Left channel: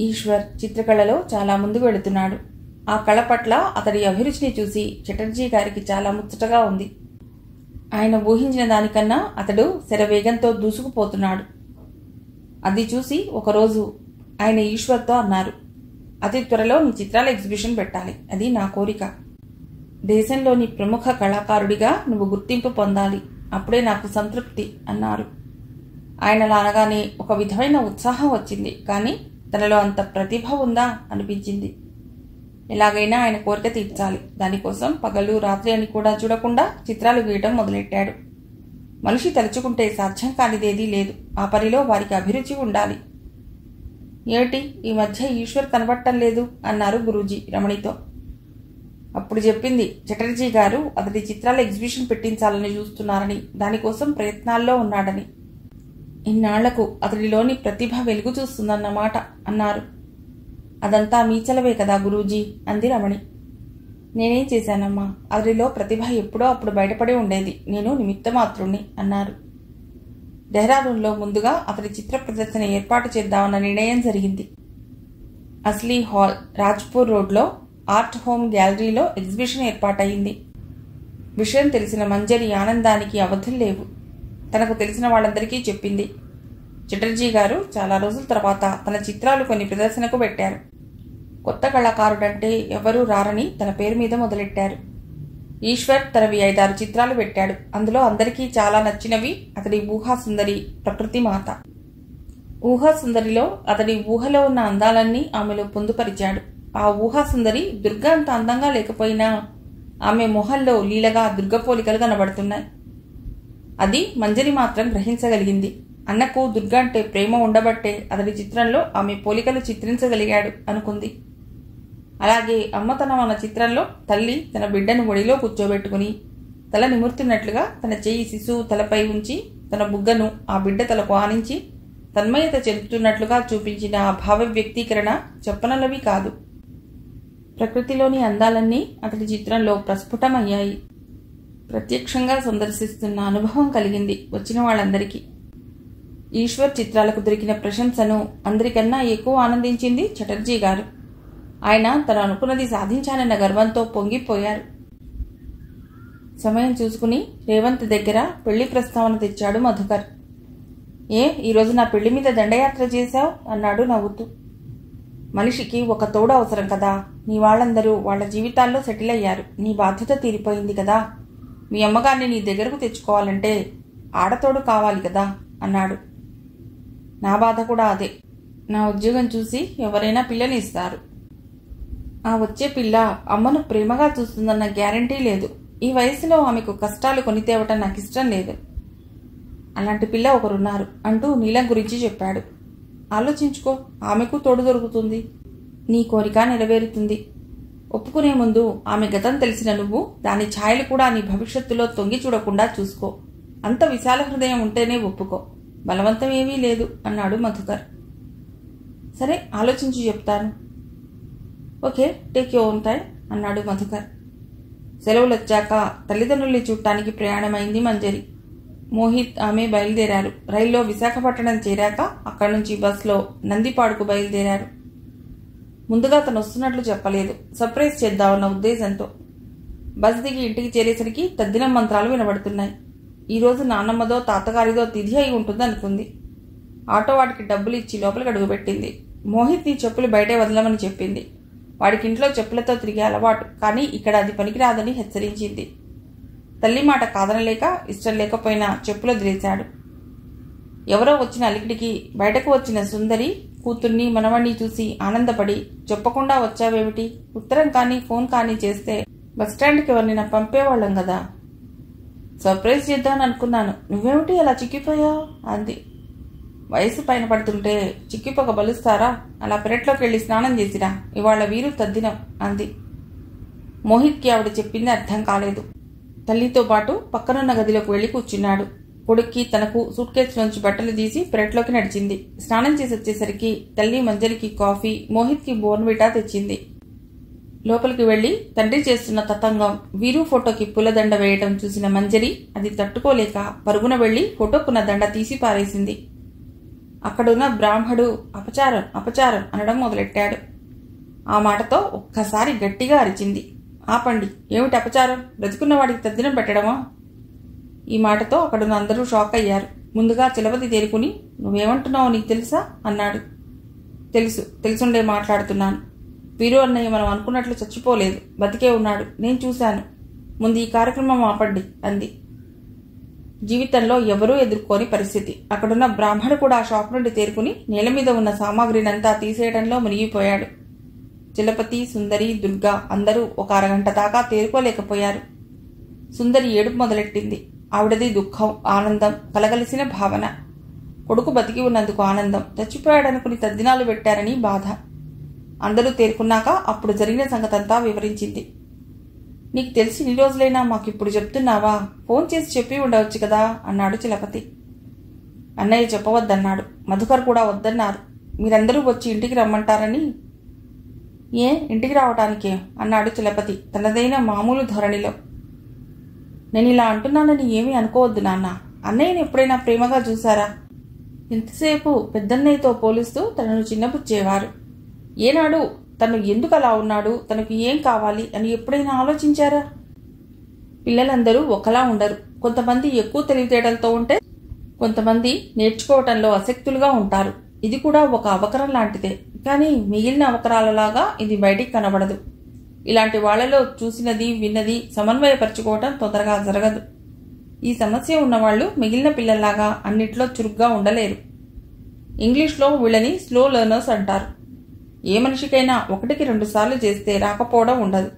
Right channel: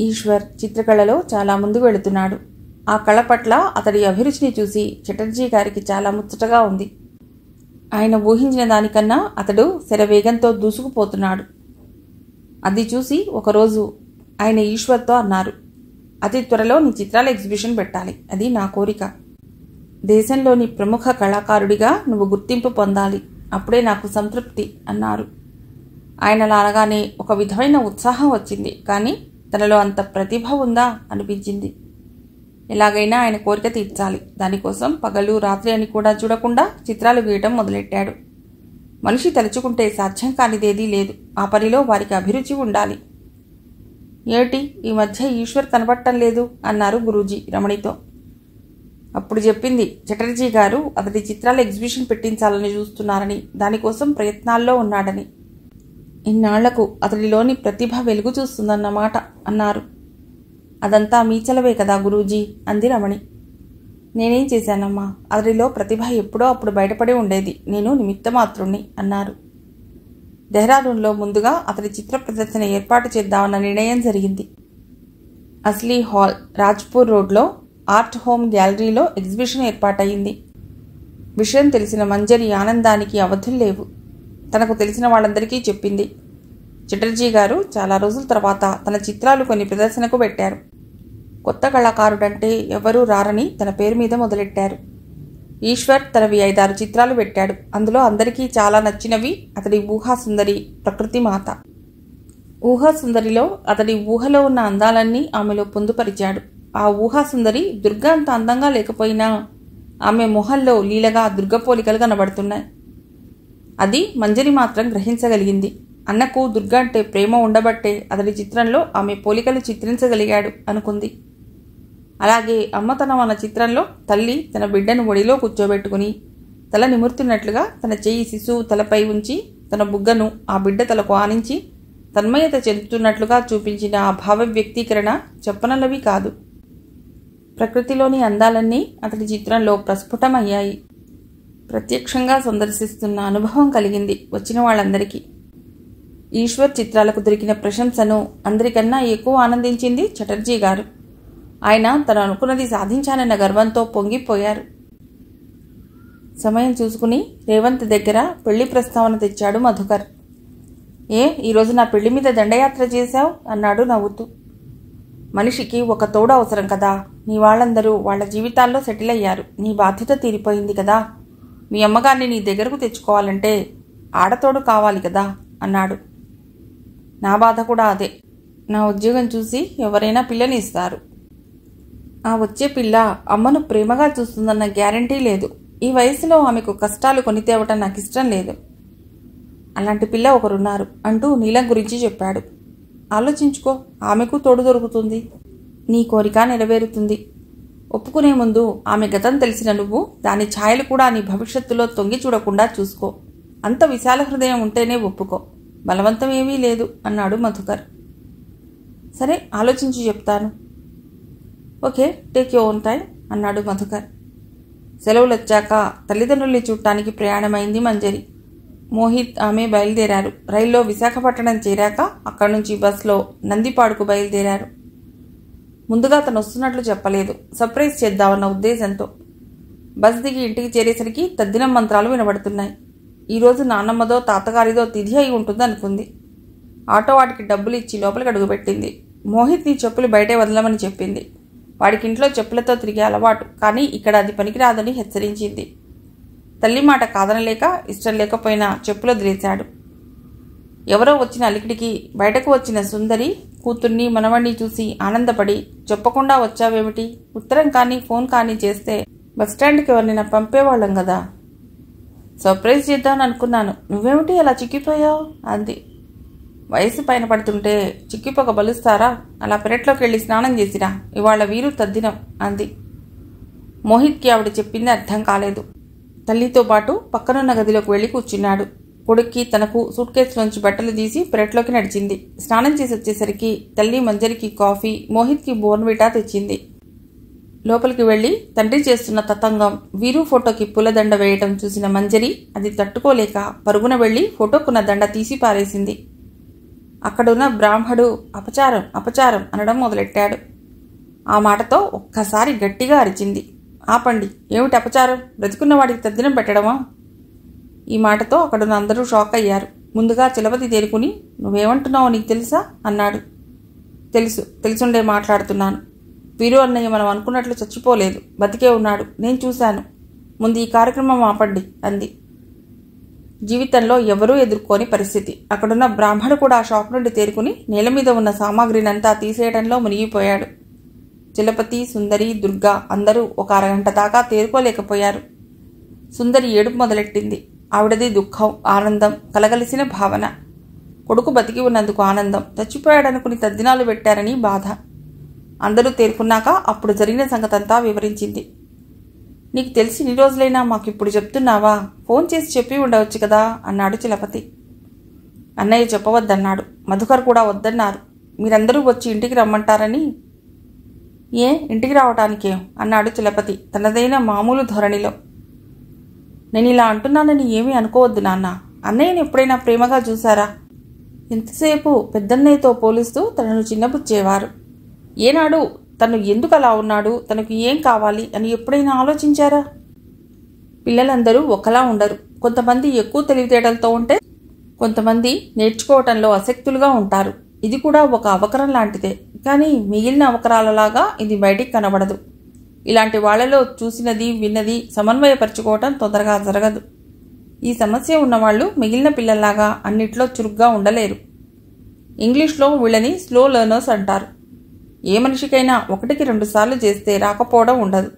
ఈశ్వర్ చిత్రకళలో చాలా ముందుకు వెళుతున్నాడు. ఆ కళ పట్ల అతడి అభిరుచిని చూసి చటర్జీ గారికి చాలా ముచ్చటగా ఉంది. ఆయన ఊహించిన దానికన్నా అతడు శరవేగంతో దూసుకుపోతున్నాడు. అది చూసి ఒకరోజు ఆయన ఈశ్వర్తో అన్నారు, అతి త్వరలో నీ చిత్రాల ఎగ్జిబిషన్ పెట్టాలి. అది నా కోరిక. దేశంలోని ప్రముఖ కళాకారుడిగా నువ్వు గుర్తింపు పొందాలి. అప్పుడే నాకు సంతృప్తి అన్నారు. ఆయనలా అనగానే ఒక విధమైన ఉత్సాహం వచ్చింది. కానీ తనలో అంత ప్రతిభ ఉందా అనిపించింది. ఎలాగైనా ఆయన కోరిక తీర్చాలి. దానికోసం పగలు రాత్రి అని కూడా చూడకుండా చిత్రాలు గీయటం మొదలెట్టాడు. మనిషి తలుచుకుంటే సాధ్యం కానిదేదీ లేదు. ఆ పనిలో వారికి అభిరుచి ఉండాలి. ఏటి ఈ మధ్య ఈశ్వర్ కనబడటం లేదు అన్నారు గురూజీ రమణితో. అప్పుడు చెప్పింది చటర్జీ గారు అతడి చిత్రాల ఎగ్జిబిషన్ పెట్టించాలని చూస్తున్నారని, దానికోసం ప్రయత్నాల్లో ఉన్నాడని. ఇన్నాళ్లకు అతడిలోని ప్రతిభ వెలుగు చూస్తుందన్నమాట అన్నారు. అదంతా మీ చలవే కదా గురూజీ అంది రమణి. నేనేం చేశానమ్మా, అతడిలో ప్రతిభ ఎప్పుడో అప్పుడు బయటపడి ఉండేది. నేను నిమిత్తమాత్రుణ్ణి అన్నారు. దెహ్రాడూన్లో ముందుగా అతడి చిత్ర ప్రదర్శన ఏర్పాటు చేద్దామన్న నిర్ణయం జరిగింది. అస్లీ హాల్, రాజ్పూర్ రోడ్లో ఆర్ట్ హోమ్ గ్యాలరీలో ఎగ్జిబిషన్ ఏర్పాటయింది. విషయం తెలిసిన మంజరి ఆనందానికి అవధులు లేవు. తనకు తెలిసిన వాళ్ళందరికీ చెప్పింది. చటర్జీ గారు చాలా రోజుల తర్వాత తన చిత్రాలు కొన్ని ప్రదర్శనకు పెట్టారు. కొత్త కళాకారుడంటే ఎవరూ రారని తన పేరు మీద మొదలెట్టారు. ఈశ్వర్ తనవి 5-6 చిత్రాలు పెట్టాడు. అందులో అందరికీ చాలా నచ్చినవి అతడి ఊహాసుందరి, ప్రకృతి మాత. ఊహాసుందరిలో అతడి ఊహలో ఉన్న అందాలన్నీ ఆమెలో పొందుపరిచాడు. ఆ ఊహాసుందరి దుర్గా అంత అందంగా లేకపోయినా ఆమె మొహంలో లీలగా దుర్గపోలికలు కనబడుతున్నాయి. అది మంజరి మాత్రం గ్రహించగలిగింది. అన్నకు దుర్గా అంటే ప్రేమ ఉండబట్టే అతడి చిత్రంలో ఆమె పోలికలు చిత్రించగలిగాడు అనుకుంది. అలాగే అమ్మతనం అన్న చిత్రంలో తల్లి తన బిడ్డను ఒడిలో కూర్చోబెట్టుకుని తల నిమురుతున్నట్లుగా తన చెయ్యి శిశువు తలపై ఉంచి తన బుగ్గను ఆ బిడ్డ తలకు ఆనించి తన్మయత చెందుతున్నట్లుగా చూపించిన ఆ భావ వ్యక్తీకరణ చెప్పనలవి కాదు. ప్రకృతిలోని అందాలన్నీ అతడి చిత్రంలో ప్రస్ఫుటమయ్యాయి. ప్రత్యక్షంగా సందర్శిస్తున్న అనుభవం కలిగింది వచ్చిన వాళ్ళందరికీ. ఈశ్వర్ చిత్రాలకు దొరికిన ప్రశంసను అందరికన్నా ఎక్కువ ఆనందించింది చటర్జీ గారు. ఆయన తను అనుకున్నది సాధించానన్న గర్వంతో పొంగిపోయారు. సమయం చూసుకుని రేవంత్ దగ్గర పెళ్లి ప్రస్తావన తెచ్చాడు మధుకర్. ఈరోజు నా పెళ్లి మీద దండయాత్ర చేశావు అన్నాడు నవ్వుతూ. మనిషికి ఒక తోడు అవసరం కదా. నీ వాళ్ళందరూ వాళ్ళ జీవితాల్లో సెటిల్ అయ్యారు. నీ బాధ్యత తీరిపోయింది కదా. మీ అమ్మగారిని నీ దగ్గరకు తెచ్చుకోవాలంటే ఆడతోడు కావాలి కదా అన్నాడు. నా బాధ కూడా అదే. నా ఉద్యోగం చూసి ఎవరైనా పిల్లని ఇస్తారు. ఆ వచ్చే పిల్ల అమ్మను ప్రేమగా చూస్తుందన్న గ్యారంటీ లేదు. ఈ వయసులో ఆమెకు కష్టాలు కొని తేవటం నాకు ఇష్టం లేదు. అలాంటి పిల్ల ఒకరున్నారు అంటూ నీలం గురించి చెప్పాడు. ఆలోచించుకో, ఆమెకు తోడు దొరుకుతుంది. నీ కోరిక నెరవేరుతుంది. ఒప్పుకునే ముందు ఆమె గతం తెలిసిన నువ్వు దాని ఛాయలు కూడా నీ భవిష్యత్తులో తొంగి చూడకుండా చూసుకో. అంత విశాల హృదయం ఉంటేనే ఒప్పుకో. బలవంతం ఏమీ లేదు అన్నాడు మధుకర్. సరే, ఆలోచించి చెప్తాను. Okay, take your own time అన్నాడు మధుకర్. సెలవులు వచ్చాక తల్లిదండ్రుల్ని చూడటానికి ప్రయాణమైంది మంజరి. మోహిత్ ఆమె బయలుదేరారు. రైల్లో విశాఖపట్నం చేరాక అక్కడి నుంచి బస్లో నందిపాడుకు బయలుదేరారు. ముందుగా తను వస్తున్నట్లు చెప్పలేదు. సర్ప్రైజ్ చేద్దామన్న ఉద్దేశంతో. బస్ దిగి ఇంటికి చేరేసరికి తద్దినం మంత్రాలు వినబడుతున్నాయి. ఈరోజు నాన్నమ్మదో తాతగారిదో తిథి అయి ఉంటుంది అనుకుంది. ఆటో వాడికి డబ్బులు ఇచ్చి లోపలికి అడుగుపెట్టింది. మోహిత్ నీ చెప్పులు బయటే వదలమని చెప్పింది. వాడికి ఇంట్లో చెప్పులతో తిరిగే అలవాటు, కానీ ఇక్కడ అది పనికిరాదని హెచ్చరించింది. తల్లి మాట కాదనలేక ఇష్టం లేకపోయినా చెప్పులు వదిలేశాడు. ఎవరో వచ్చిన అలికిడికి బయటకు వచ్చిన సుందరి కూతుర్ని మనవణ్ణి చూసి ఆనందపడి, చెప్పకుండా వచ్చావేమిటి? ఉత్తరం కానీ ఫోన్ కానీ చేస్తే బస్టాండ్కి ఎవరినైనా పంపేవాళ్ళం కదా. సర్ప్రైజ్ చేద్దామని అనుకున్నాను. నువ్వేమిటి అలా చిక్కిపోయావు అంది. వయసు పైన పడుతుంటే చిక్కిపోక బలుస్తారా? అలా పెరట్లోకి వెళ్ళి స్నానం చేసిరా. ఇవాళ వీరు తద్దినం అంది. మోహిత్కి ఆవిడ చెప్పింది అర్థం కాలేదు. తల్లితో పాటు పక్కనున్న గదిలోకి వెళ్లి కూర్చున్నాడు. కొడుక్కి తనకు సూట్ కేసులోంచి బట్టలు తీసి పెరట్లోకి నడిచింది. స్నానం చేసి వచ్చేసరికి తల్లి మంజరికి కాఫీ, మోహిత్కి బోర్న్విటా తెచ్చింది. లోపలికి వెళ్లి తండ్రి చేస్తున్న తతంగం, వీరు ఫోటోకి పూలదండ వేయటం చూసిన మంజరి అది తట్టుకోలేక పరుగున వెళ్లి ఫోటోకున్న దండ తీసి పారేసింది. అక్కడున్న బ్రాహ్మడు అపచారం అపచారం అనడం మొదలెట్టాడు. ఆ మాటతో ఒక్కసారి గట్టిగా అరిచింది. ఆపండి, ఏమిటి అపచారం? బ్రతికున్నవాడికి తద్దినం పెట్టడమా? ఈ మాటతో అక్కడున్న అందరూ షాక్ అయ్యారు. ముందుగా చలపతి తేరుకుని, నువ్వేమంటున్నావో నీకు తెలుసా అన్నాడు. తెలుసుండే మాట్లాడుతున్నాను. వీరు అన్నయ్య మనం అనుకున్నట్లు చచ్చిపోలేదు, బతికే ఉన్నాడు, నేను చూశాను. ముందు ఈ కార్యక్రమం ఆపండి అంది. జీవితంలో ఎవరూ ఎదుర్కోని పరిస్థితి. అక్కడున్న బ్రాహ్మడు కూడా షాక్ నుండి తేరుకుని నేల మీద ఉన్న సామాగ్రినంతా తీసేయడంలో మునిగిపోయాడు. చలపతి, సుందరి, దుర్గా అందరూ ఒక అరగంట దాకా తేరుకోలేకపోయారు. సుందరి ఏడుపు మొదలెట్టింది. ఆవిడది దుఃఖం, ఆనందం కలగలిసిన భావన. కొడుకు బతికి ఉన్నందుకు ఆనందం, చచ్చిపోయాడనుకుని తద్దినాలు పెట్టారని బాధ. అందరూ తేరుకున్నాక అప్పుడు జరిగిన సంగతంతా వివరించింది. నీకు తెలిసి ఇన్ని రోజులైనా మాకిప్పుడు చెప్తున్నావా? ఫోన్ చేసి చెప్పి ఉండవచ్చు కదా అన్నాడు చలపతి. అన్నయ్య చెప్పవద్దన్నాడు. మధుకర్ కూడా వద్దన్నారు. మీరందరూ వచ్చి ఇంటికి రమ్మంటారని. ఏ ఇంటికి రావటానికేం అన్నాడు చలపతి తనదైన మామూలు ధోరణిలో. నేను ఇలా అంటున్నానని ఏమీ అనుకోవద్దు నాన్న. అన్నయ్యని ఎప్పుడైనా ప్రేమగా చూశారా? ఇంతసేపు పెద్దన్నయ్యతో పోలిస్తూ తనను చిన్నపుచ్చేవారు. ఏనాడు తను ఎందుకు అలా ఉన్నాడు, తనకు ఏం కావాలి అని ఎప్పుడైనా ఆలోచించారా? పిల్లలందరూ ఒకలా ఉండరు. కొంతమంది ఎక్కువ తెలివితేటలతో ఉంటే, కొంతమంది నేర్చుకోవటంలో ఆసక్తులుగా ఉంటారు. ఇది కూడా ఒక అవకరం లాంటిదే, కానీ మిగిలిన అవకరాలలాగా ఇది బయటికి కనబడదు. ఇలాంటి వాళ్లలో చూసినది విన్నది సమన్వయపరుచుకోవటం తొందరగా జరగదు. ఈ సమస్య ఉన్నవాళ్లు మిగిలిన పిల్లల్లాగా అన్నిట్లో చురుగ్గా ఉండలేరు. ఇంగ్లీష్లో వీళ్ళని స్లో లెర్నర్స్ అంటారు. ఏ మనిషికైనా 1కి 2 సార్లు చేస్తే రాకపోవడం ఉండదు.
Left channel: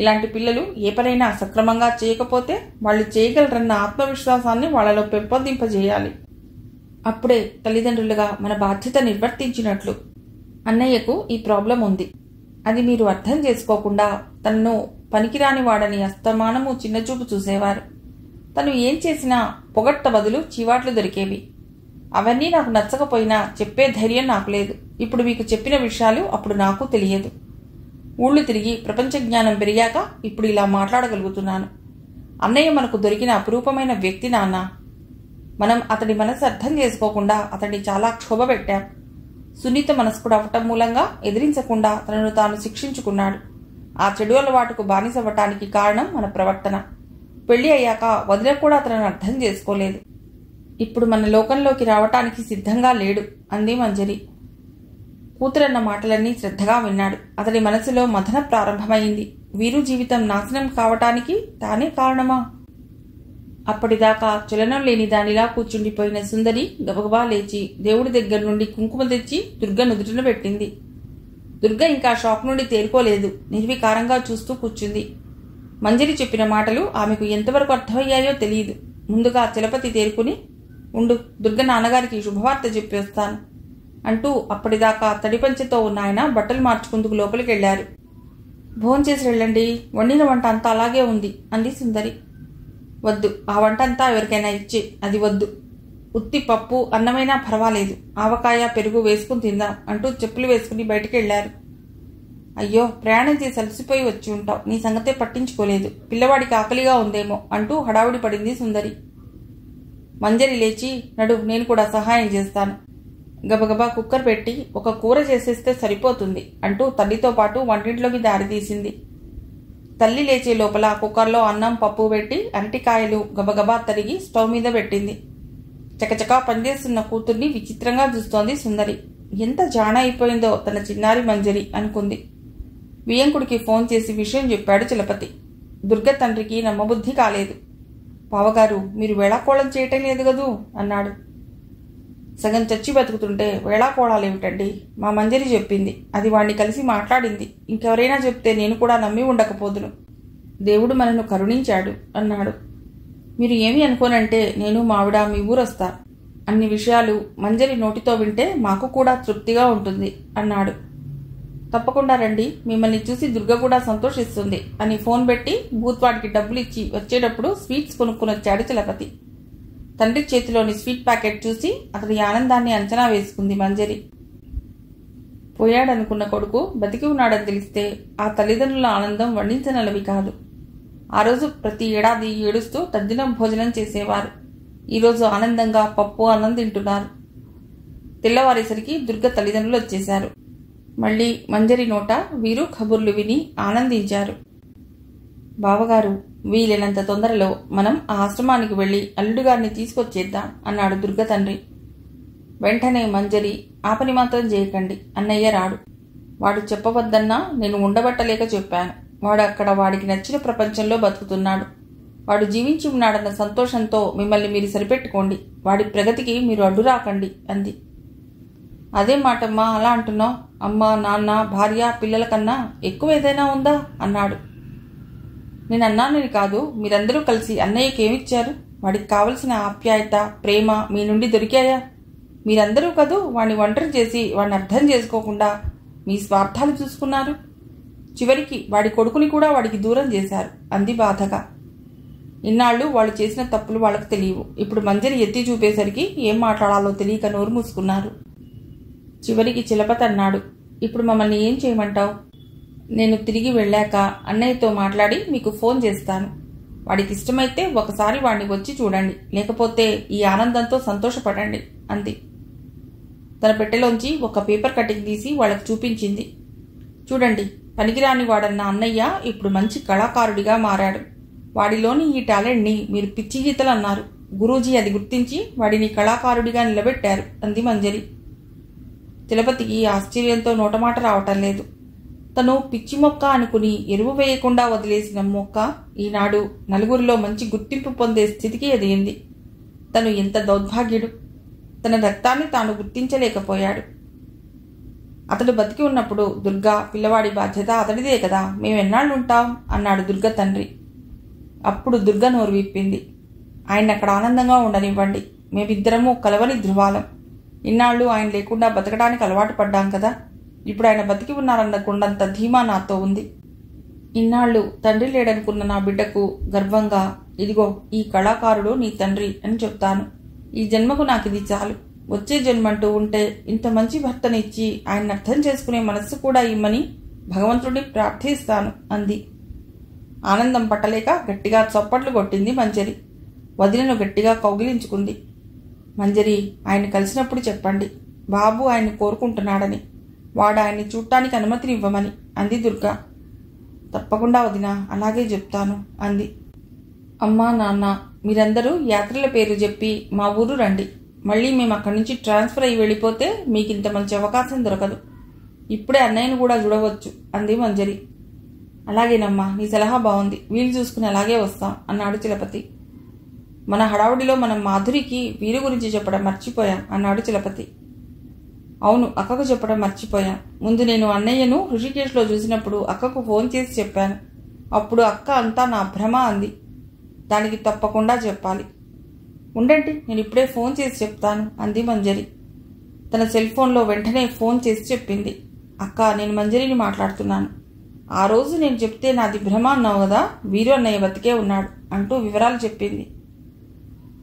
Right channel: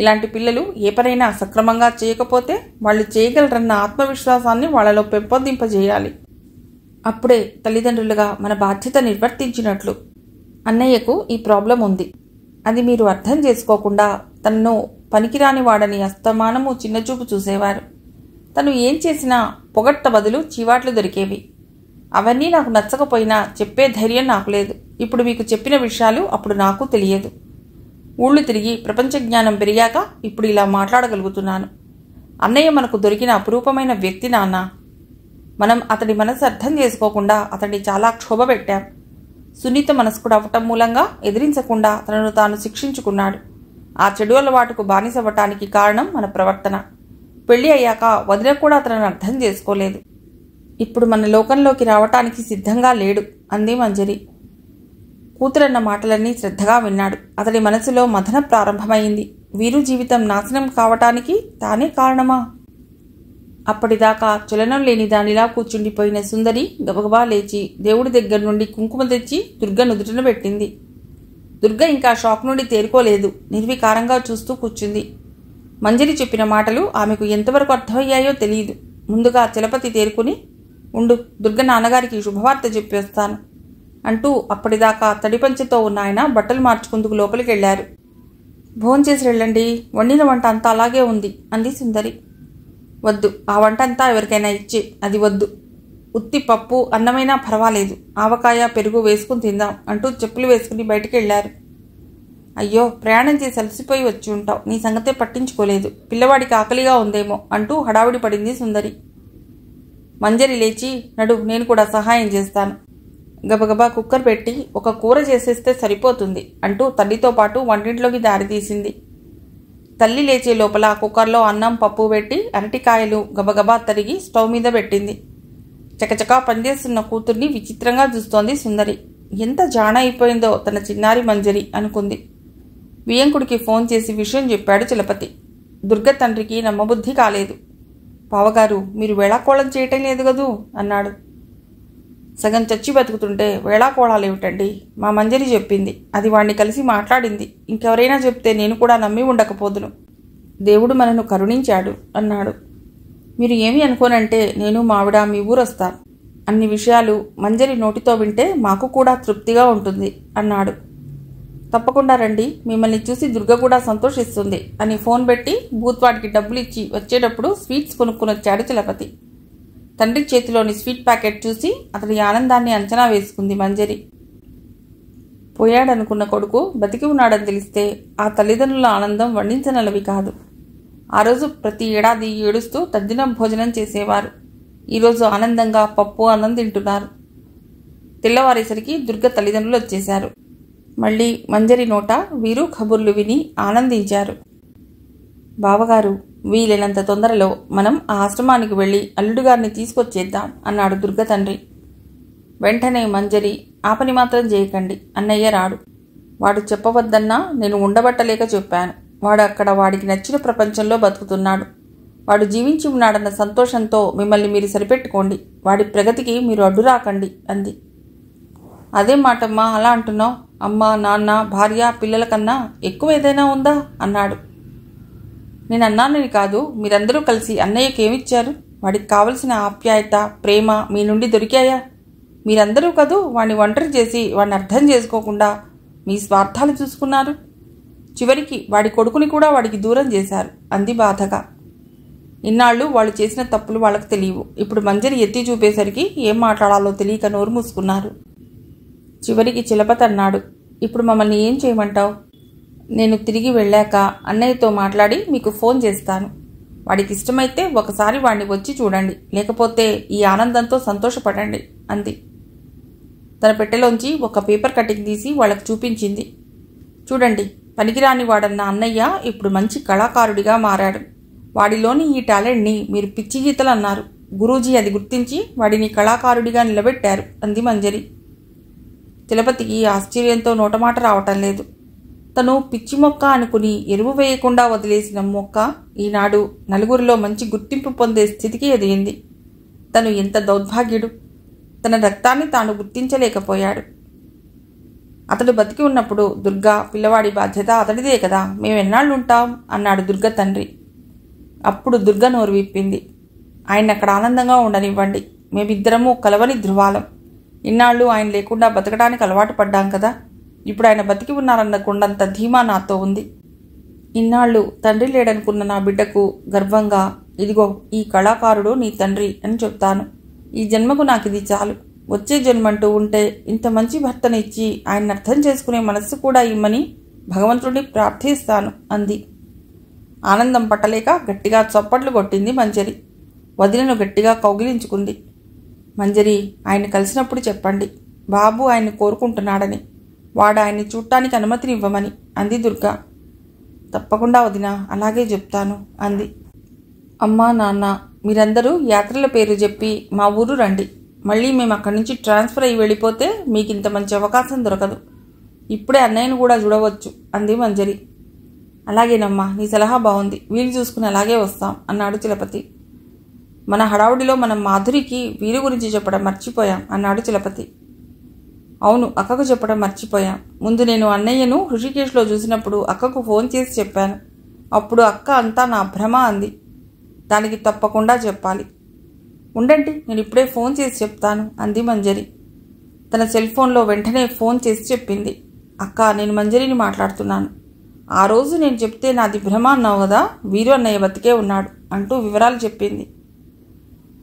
ఇలాంటి పిల్లలు ఏ పనైనా సక్రమంగా చేయకపోతే వాళ్ళు చేయగలరన్న ఆత్మవిశ్వాసాన్ని వాళ్లలో పెంపొందింపజేయాలి. అప్పుడే తల్లిదండ్రులుగా మన బాధ్యత నిర్వర్తించినట్లు. అన్నయ్యకు ఈ ప్రాబ్లం ఉంది. అది మీరు అర్థం చేసుకోకుండా తనను పనికిరాని వాడని అస్తమానము చిన్నచూపు చూసేవారు. తను ఏం చేసినా పొగట్ట బదులు చీవాట్లు దొరికేవి. అవన్నీ నాకు నచ్చకపోయినా చెప్పే ధైర్యం నాకు లేదు. ఇప్పుడు మీకు చెప్పిన విషయాలు అప్పుడు నాకు తెలియదు. ఊళ్ళు తిరిగి ప్రపంచ జ్ఞానం పెరిగాక ఇప్పుడు ఇలా మాట్లాడగలుగుతున్నాను. అన్నయ్య మనకు దొరికిన అపురూపమైన వ్యక్తి నాన్న. మనం అతడి మనసు అర్థం చేసుకోకుండా అతడిని చాలా క్షోభ పెట్టాం. సున్నిత మనస్కుడు అవటం మూలంగా ఎదిరించకుండా తనను తాను శిక్షించుకున్నాడు. ఆ చెడు అలవాటుకు బానిసవ్వటానికి కారణం మన ప్రవర్తన. పెళ్లి అయ్యాక వదిన కూడా తనను అర్థం చేసుకోలేదు. ఇప్పుడు మన లోకంలోకి రావటానికి సిద్ధంగా లేడు అంది మంజరి. కూతురన్న మాటలన్నీ శ్రద్ధగా విన్నాడు. అతడి మనసులో మథన ప్రారంభమైంది. వీరు జీవితం నాశనం కావటానికి తానే కారణమా? అప్పటిదాకా చలనం లేని దానిలా కూర్చుండిపోయిన సుందరి గబగబా లేచి దేవుడి దగ్గర నుండి కుంకుమ తెచ్చి దుర్గ నుదుటిన పెట్టింది. దుర్గ ఇంకా షాక్ నుండి తేరుకోలేదు. నిర్వికారంగా చూస్తూ కూర్చుంది. మంజరి చెప్పిన మాటలు ఆమెకు ఎంతవరకు అర్థమయ్యాయో తెలియదు. ముందుగా చలపతి తేరుకుని, ఉండు, దుర్గ నాన్నగారికి శుభవార్త చెప్పేస్తాను అంటూ అప్పటిదాకా తడిపంచెతో ఉన్న ఆయన బట్టలు మార్చుకుందుకు లోపలికి వెళ్లారు. భోంచేసి వెళ్ళండి, వండిన వంట అంతా అలాగే ఉంది అంది సుందరి. వద్దు, ఆ వంట అంతా ఎవరికైనా ఇచ్చి, అది వద్దు. ఉత్తి పప్పు అన్నమైనా పర్వాలేదు, ఆవకాయ పెరుగు వేసుకుని తిందాం అంటూ చెప్పులు వేసుకుని బయటికి వెళ్లారు. అయ్యో, ప్రయాణం చేసి అలసిపోయి వచ్చి ఉంటావు, నీ సంగతే పట్టించుకోలేదు, పిల్లవాడికి ఆకలిగా ఉందేమో అంటూ హడావుడి పడింది సుందరి. మంజరి లేచి, నడు, నేను కూడా సహాయం చేస్తాను. గబగబా కుక్కర్ పెట్టి ఒక కూర చేసేస్తే సరిపోతుంది అంటూ తల్లితో పాటు వంటింట్లోకి దారితీసింది. తల్లి లేచే లోపల కుక్కర్లో అన్నం పప్పు పెట్టి అరటికాయలు గబగబా తరిగి స్టవ్ మీద పెట్టింది. చకచకా పనిచేస్తున్న కూతుర్ని విచిత్రంగా చూస్తోంది సుందరి. ఎంత జాణ అయిపోయిందో తన చిన్నారి మంజరి అనుకుంది. వియంకుడికి ఫోన్ చేసి విషయం చెప్పాడు చలపతి. దుర్గ తండ్రికి నమ్మబుద్ధి కాలేదు. బావగారు, మీరు వేళాకోళం చేయటం లేదు గదూ అన్నాడు. సగం చచ్చి బతుకుతుంటే వేళాకోళాలేమిటండి? మా మంజరి చెప్పింది, అది వాణ్ణి కలిసి మాట్లాడింది. ఇంకెవరైనా చెప్తే నేను కూడా నమ్మి ఉండకపోదును. దేవుడు మనను కరుణించాడు అన్నాడు. మీరు ఏమి అనుకోనంటే నేను మావిడ మీ ఊరొస్తా. అన్ని విషయాలు మంజరి నోటితో వింటే మాకు కూడా తృప్తిగా ఉంటుంది అన్నాడు. తప్పకుండా రండి, మిమ్మల్ని చూసి దుర్గ కూడా సంతోషిస్తుంది అని ఫోన్ పెట్టి భూత్వాడికి డబ్బులు ఇచ్చి వచ్చేటప్పుడు స్వీట్స్ కొనుక్కుని వచ్చాడు చలపతి. తండ్రి చేతిలోని స్వీట్ ప్యాకెట్ చూసి అతడి ఆనందాన్ని అంచనా వేసుకుంది మంజరి. పోయాడనుకున్న కొడుకు బతికి ఉన్నాడని తెలిస్తే ఆ తల్లిదండ్రుల ఆనందం వర్ణించనలవి కాదు. ఆ రోజు ప్రతి ఏడాది ఏడుస్తూ తద్దినం భోజనం చేసేవారు. ఈరోజు ఆనందంగా పప్పు అన్నం తింటున్నారు. తెల్లవారేసరికి దుర్గ తల్లిదండ్రులు వచ్చేశారు. మళ్ళీ మంజరి నోట వీరు కబుర్లు విని ఆనందించారు. బావగారు, వీలైనంత తొందరలో మనం ఆ ఆశ్రమానికి వెళ్లి అల్లుడుగారిని తీసుకొచ్చేద్దాం అన్నాడు దుర్గ తండ్రి. వెంటనే మంజరి, ఆ పని మాత్రం చేయకండి, అన్నయ్య రాడు. వాడు చెప్పవద్దన్నా నేను ఉండబట్టలేక చెప్పాను. వాడు అక్కడ వాడికి నచ్చిన ప్రపంచంలో బతుకుతున్నాడు. వాడు జీవించి ఉన్నాడన్న సంతోషంతో మిమ్మల్ని మీరు సరిపెట్టుకోండి. వాడి ప్రగతికి మీరు అడ్డు రాకండి అంది. అదే మాటమ్మా అలా అంటున్నావు? అమ్మ, నాన్న, భార్య, పిల్లల కన్నా ఎక్కువ ఏదైనా ఉందా అన్నాడు. నేను అన్నానని కాదు, మీరందరూ కలిసి అన్నయ్యకేమిచ్చారు? వాడికి కావలసిన ఆప్యాయత, ప్రేమ మీ నుండి దొరికాయా? మీరందరూ కదూ వాడిని ఒంటరి చేసి వాడిని అర్థం చేసుకోకుండా మీ స్వార్థాలు చూసుకున్నారు. చివరికి వాడి కొడుకుని కూడా వాడికి దూరం చేశారు అంది బాధగా. ఇన్నాళ్ళు వాళ్ళు చేసిన తప్పులు వాళ్ళకు తెలియవు. ఇప్పుడు మంజరి ఎత్తి చూపేసరికి ఏం మాట్లాడాలో తెలియక నోరు మూసుకున్నారు. చివరికి చిలపతి అన్నాడు, ఇప్పుడు మమ్మల్ని ఏం చేయమంటావు? నేను తిరిగి వెళ్ళాక అన్నయ్యతో మాట్లాడి మీకు ఫోన్ చేస్తాను. వాడికి ఇష్టమైతే ఒకసారి వాడిని వచ్చి చూడండి, లేకపోతే ఈ ఆనందంతో సంతోషపడండి అంది. తన పెట్టెలోంచి ఒక పేపర్ కటింగ్ తీసి వాళ్ళకు చూపించింది. చూడండి, పనికిరాని వాడన్న అన్నయ్య ఇప్పుడు మంచి కళాకారుడిగా మారాడు. వాడిలోని ఈ టాలెంట్ని మీరు పిచ్చి గీతలు అన్నారు. గురూజీ అది గుర్తించి వాడిని కళాకారుడిగా నిలబెట్టారు అంది మంజరి. తిలపతికి ఆశ్చర్యంతో నోటమాట రావటం లేదు. తను పిచ్చి మొక్క అనుకుని ఎరువు వేయకుండా వదిలేసిన మొక్క ఈనాడు నలుగురిలో మంచి గుర్తింపు పొందే స్థితికి ఎదిగింది. తను ఎంత దౌర్భాగ్యుడు! తన రక్తాన్ని తాను గుర్తించలేకపోయాడు. అతడు బతికి ఉన్నప్పుడు దుర్గా పిల్లవాడి బాధ్యత అతడిదే కదా, మేమెన్నాళ్ళుంటాం అన్నాడు దుర్గ తండ్రి. అప్పుడు దుర్గ నోరు విప్పింది. ఆయన అక్కడ ఆనందంగా ఉండనివ్వండి. మేమిద్దరము కలవని ధృవాలం. ఇన్నాళ్ళు ఆయన లేకుండా బతకడానికి అలవాటు పడ్డాం కదా. ఇప్పుడు ఆయన బతికి ఉన్నారన్న కొండంత ధీమా నాతో ఉంది. ఇన్నాళ్ళు తండ్రి లేడనుకున్న నా బిడ్డకు గర్వంగా, ఇదిగో ఈ కళాకారుడు నీ తండ్రి అని చెప్తాను. ఈ జన్మకు నాకు ఇది చాలు. వచ్చే జన్మంటూ ఉంటే ఇంత మంచి భర్తనిచ్చి ఆయన అర్థం చేసుకునే మనస్సు కూడా ఇమ్మని భగవంతుడిని ప్రార్థిస్తాను అంది. ఆనందం పట్టలేక గట్టిగా చప్పట్లు కొట్టింది మంజరి. వదినను గట్టిగా కౌగిలించుకుంది. మంజరి, ఆయన కలిసినప్పుడు చెప్పండి, బాబు ఆయన్ని కోరుకుంటున్నాడని, వాడు ఆయన్ని చూడటానికి అనుమతినివ్వమని అంది దుర్గా. తప్పకుండా వదిన, అలాగే చెప్తాను అంది. అమ్మా, నాన్న, మీరందరూ యాత్రల పేరు చెప్పి మా ఊరు రండి. మళ్ళీ మేము అక్కడి నుంచి ట్రాన్స్ఫర్ అయ్యి వెళ్ళిపోతే మీకు ఇంత మంచి అవకాశం దొరకదు. ఇప్పుడే అన్నయ్యను కూడా చూడవచ్చు అంది మంజరి. అలాగేనమ్మా, నీ సలహా బాగుంది. వీలు చూసుకుని అలాగే వస్తాం అన్నాడు చిలపతి. మన హడావుడిలో మనం మాధురికి వీరు గురించి చెప్పడం మర్చిపోయాం అన్నాడు చిలపతి. అవును, అక్కకు చెప్పడం మర్చిపోయాం. ముందు నేను అన్నయ్యను హృషికేశ్లో చూసినప్పుడు అక్కకు ఫోన్ చేసి చెప్పాను. అప్పుడు అక్క అంతా నా భ్రమ అంది. దానికి తప్పకుండా చెప్పాలి. ఉండండి, నేను ఇప్పుడే ఫోన్ చేసి చెప్తాను అంది మంజరి. తన సెల్ ఫోన్లో వెంటనే ఫోన్ చేసి చెప్పింది. అక్క, నేను మంజరిని మాట్లాడుతున్నాను. ఆ రోజు నేను చెప్తే నాది భ్రమ అన్నావు కదా, వీరు అన్నయ్య బతికే ఉన్నాడు అంటూ వివరాలు చెప్పింది.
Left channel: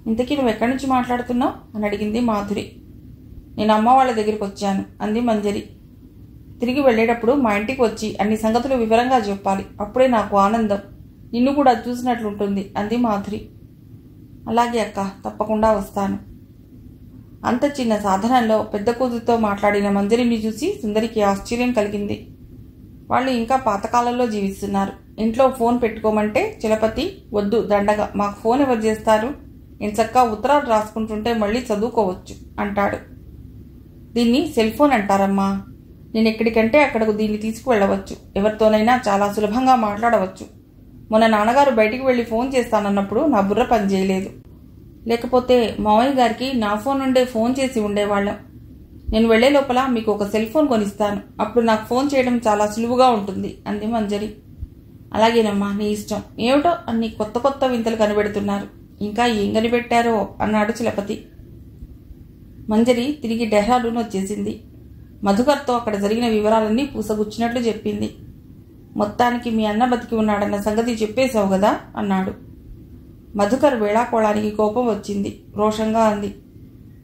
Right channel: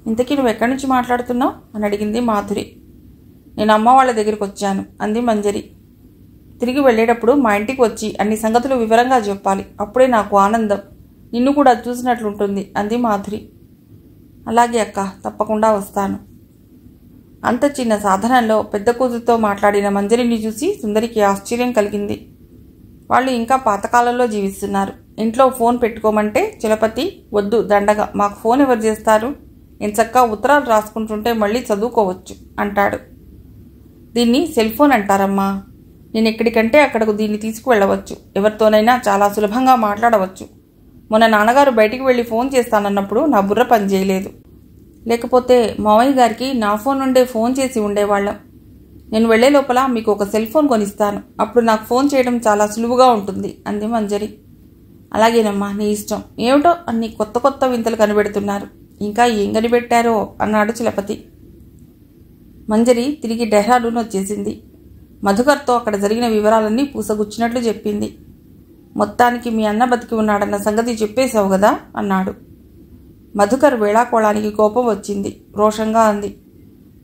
ఇంతకీ నువ్వు ఎక్కడి నుంచి మాట్లాడుతున్నావు అని అడిగింది మాధురి. నేను అమ్మ వాళ్ళ దగ్గరికి వచ్చాను అంది మంజరి. తిరిగి వెళ్ళేటప్పుడు మా ఇంటికి వచ్చి అన్ని సంగతులు వివరంగా చెప్పాలి. అప్పుడే నాకు ఆనందం. నిన్ను కూడా చూసినట్లుంటుంది అంది మాధురి. అలాగే అక్క, తప్పకుండా వస్తాను. అంత చిన్న సాధనంలో పెద్ద కూతురితో మాట్లాడిన మంజరిని చూసి సుందరికి ఆశ్చర్యం కలిగింది. వాళ్ళు ఇంకా పాతకాలంలో జీవిస్తున్నారు. ఇంట్లో ఫోన్ పెట్టుకోమంటే చిలపతి, వద్దు దండగా, మాకు ఫోన్ ఎవరు చేస్తారు? ఎంచక్కా ఉత్తరాలు రాసుకుంటుంటే మళ్ళీ చదువుకోవచ్చు అంటాడు. దీన్ని సెల్ ఫోన్ అంటారమ్మా. నేను ఎక్కడికంటే అక్కడకు దీన్ని తీసుకువెళ్ళవచ్చు. ఎవరితోనైనా చాలా సులభంగా మాట్లాడవచ్చు. మొన్న నాన్నగారు బయటికి వెళ్ళి ఫోన్ చేస్తానన్నప్పుడు నా బుర్ర పనిచేయలేదు. లేకపోతే మావయ్య గారికి నా ఫోన్ నుండే ఫోన్ చేసి ఉండేవాళ్ళం. నేను వెళ్లే లోపల మీకు ఒక సెల్ ఫోన్ కొనిస్తాను. అప్పుడు నాకు ఫోన్ చేయడం చాలా సులువుగా ఉంటుంది అంది మంజరి. అలాగేనమ్మా, నీ ఇష్టం. ఏమిటో అన్ని కొత్త కొత్త వింతలు కనిపెడుతున్నారు. ఇంకా ఏం కనిపెట్టారో అన్నాడు చిలపతి. మంజరి తిరిగి డెహ్రాడూన్ వచ్చేసింది. మధుకర్తో అక్కడ జరిగిన వివరాలన్నీ పూసగుచ్చినట్లు చెప్పింది. మొత్తానికి మీ అన్న బతికి ఉన్నాడన్న సంగతి చెప్పేశావు కదా అన్నాడు. మధుకర్ వేళాకోళానికి కోపం వచ్చింది. రోషంగా అంది.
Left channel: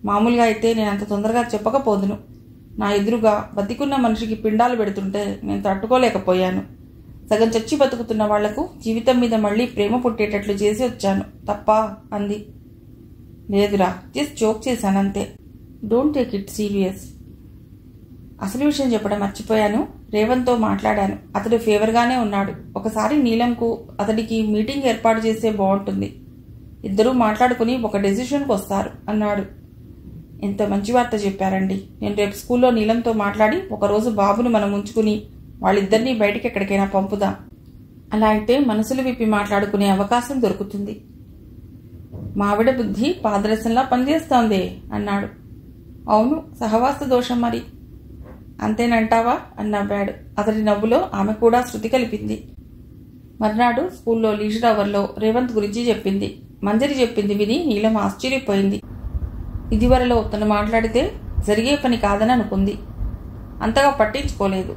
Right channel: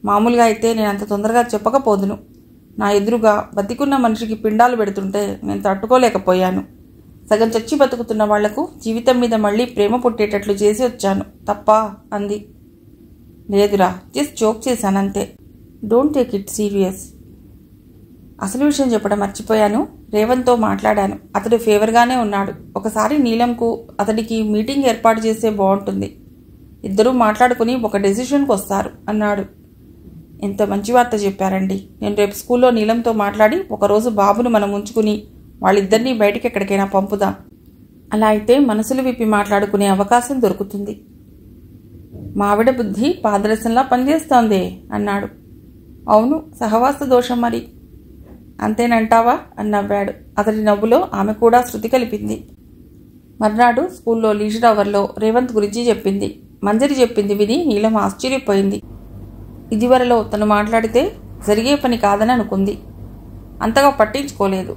మామూలుగా అయితే నేను అంత తొందరగా చెప్పకపోదును. నా ఎదురుగా బతికున్న మనిషికి పిండాలు పెడుతుంటే నేను తట్టుకోలేకపోయాను. సగం చచ్చి బతుకుతున్న వాళ్లకు జీవితం మీద మళ్లీ ప్రేమ పుట్టేటట్లు చేసి వచ్చాను తప్ప అంది. లేదురా, జస్ట్ జోక్ చేశానంతే. Don't take it serious. అసలు విషయం చెప్పడం మర్చిపోయాను. రేవంత్తో మాట్లాడాను. అతడు ఫేవర్గానే ఉన్నాడు. ఒకసారి నీలంకు అతడికి మీటింగ్ ఏర్పాటు చేస్తే బాగుంటుంది. ఇద్దరూ మాట్లాడుకుని ఒక డెసిషన్కి వస్తారు అన్నాడు. ఎంత మంచి వార్త చెప్పారండి. నేను రేపు స్కూల్లో నీలంతో మాట్లాడి ఒకరోజు బాబును మనం ఉంచుకుని వాళ్ళిద్దరినీ బయటికి ఎక్కడికైనా పంపుదాం. అలా అయితే మనసులు విప్పి మాట్లాడుకునే అవకాశం దొరుకుతుంది. మావిడ బుద్ధి పాదరసంలా పనిచేస్తోందే అన్నాడు. అవును, సహవాస దోషం మరి. అంతేనంటావా అని నవ్వాడు. అతడి నవ్వులో ఆమె కూడా శృతి కలిపింది. మర్నాడు స్కూల్లో లీజర్ అవర్లో రేవంత్ గురించి చెప్పింది. మంజరి చెప్పింది విని నీలం ఆశ్చర్యపోయింది. ఇదివరలో తను మాట్లాడితే జరిగే పని కాదని అనుకుంది. అంతగా పట్టించుకోలేదు.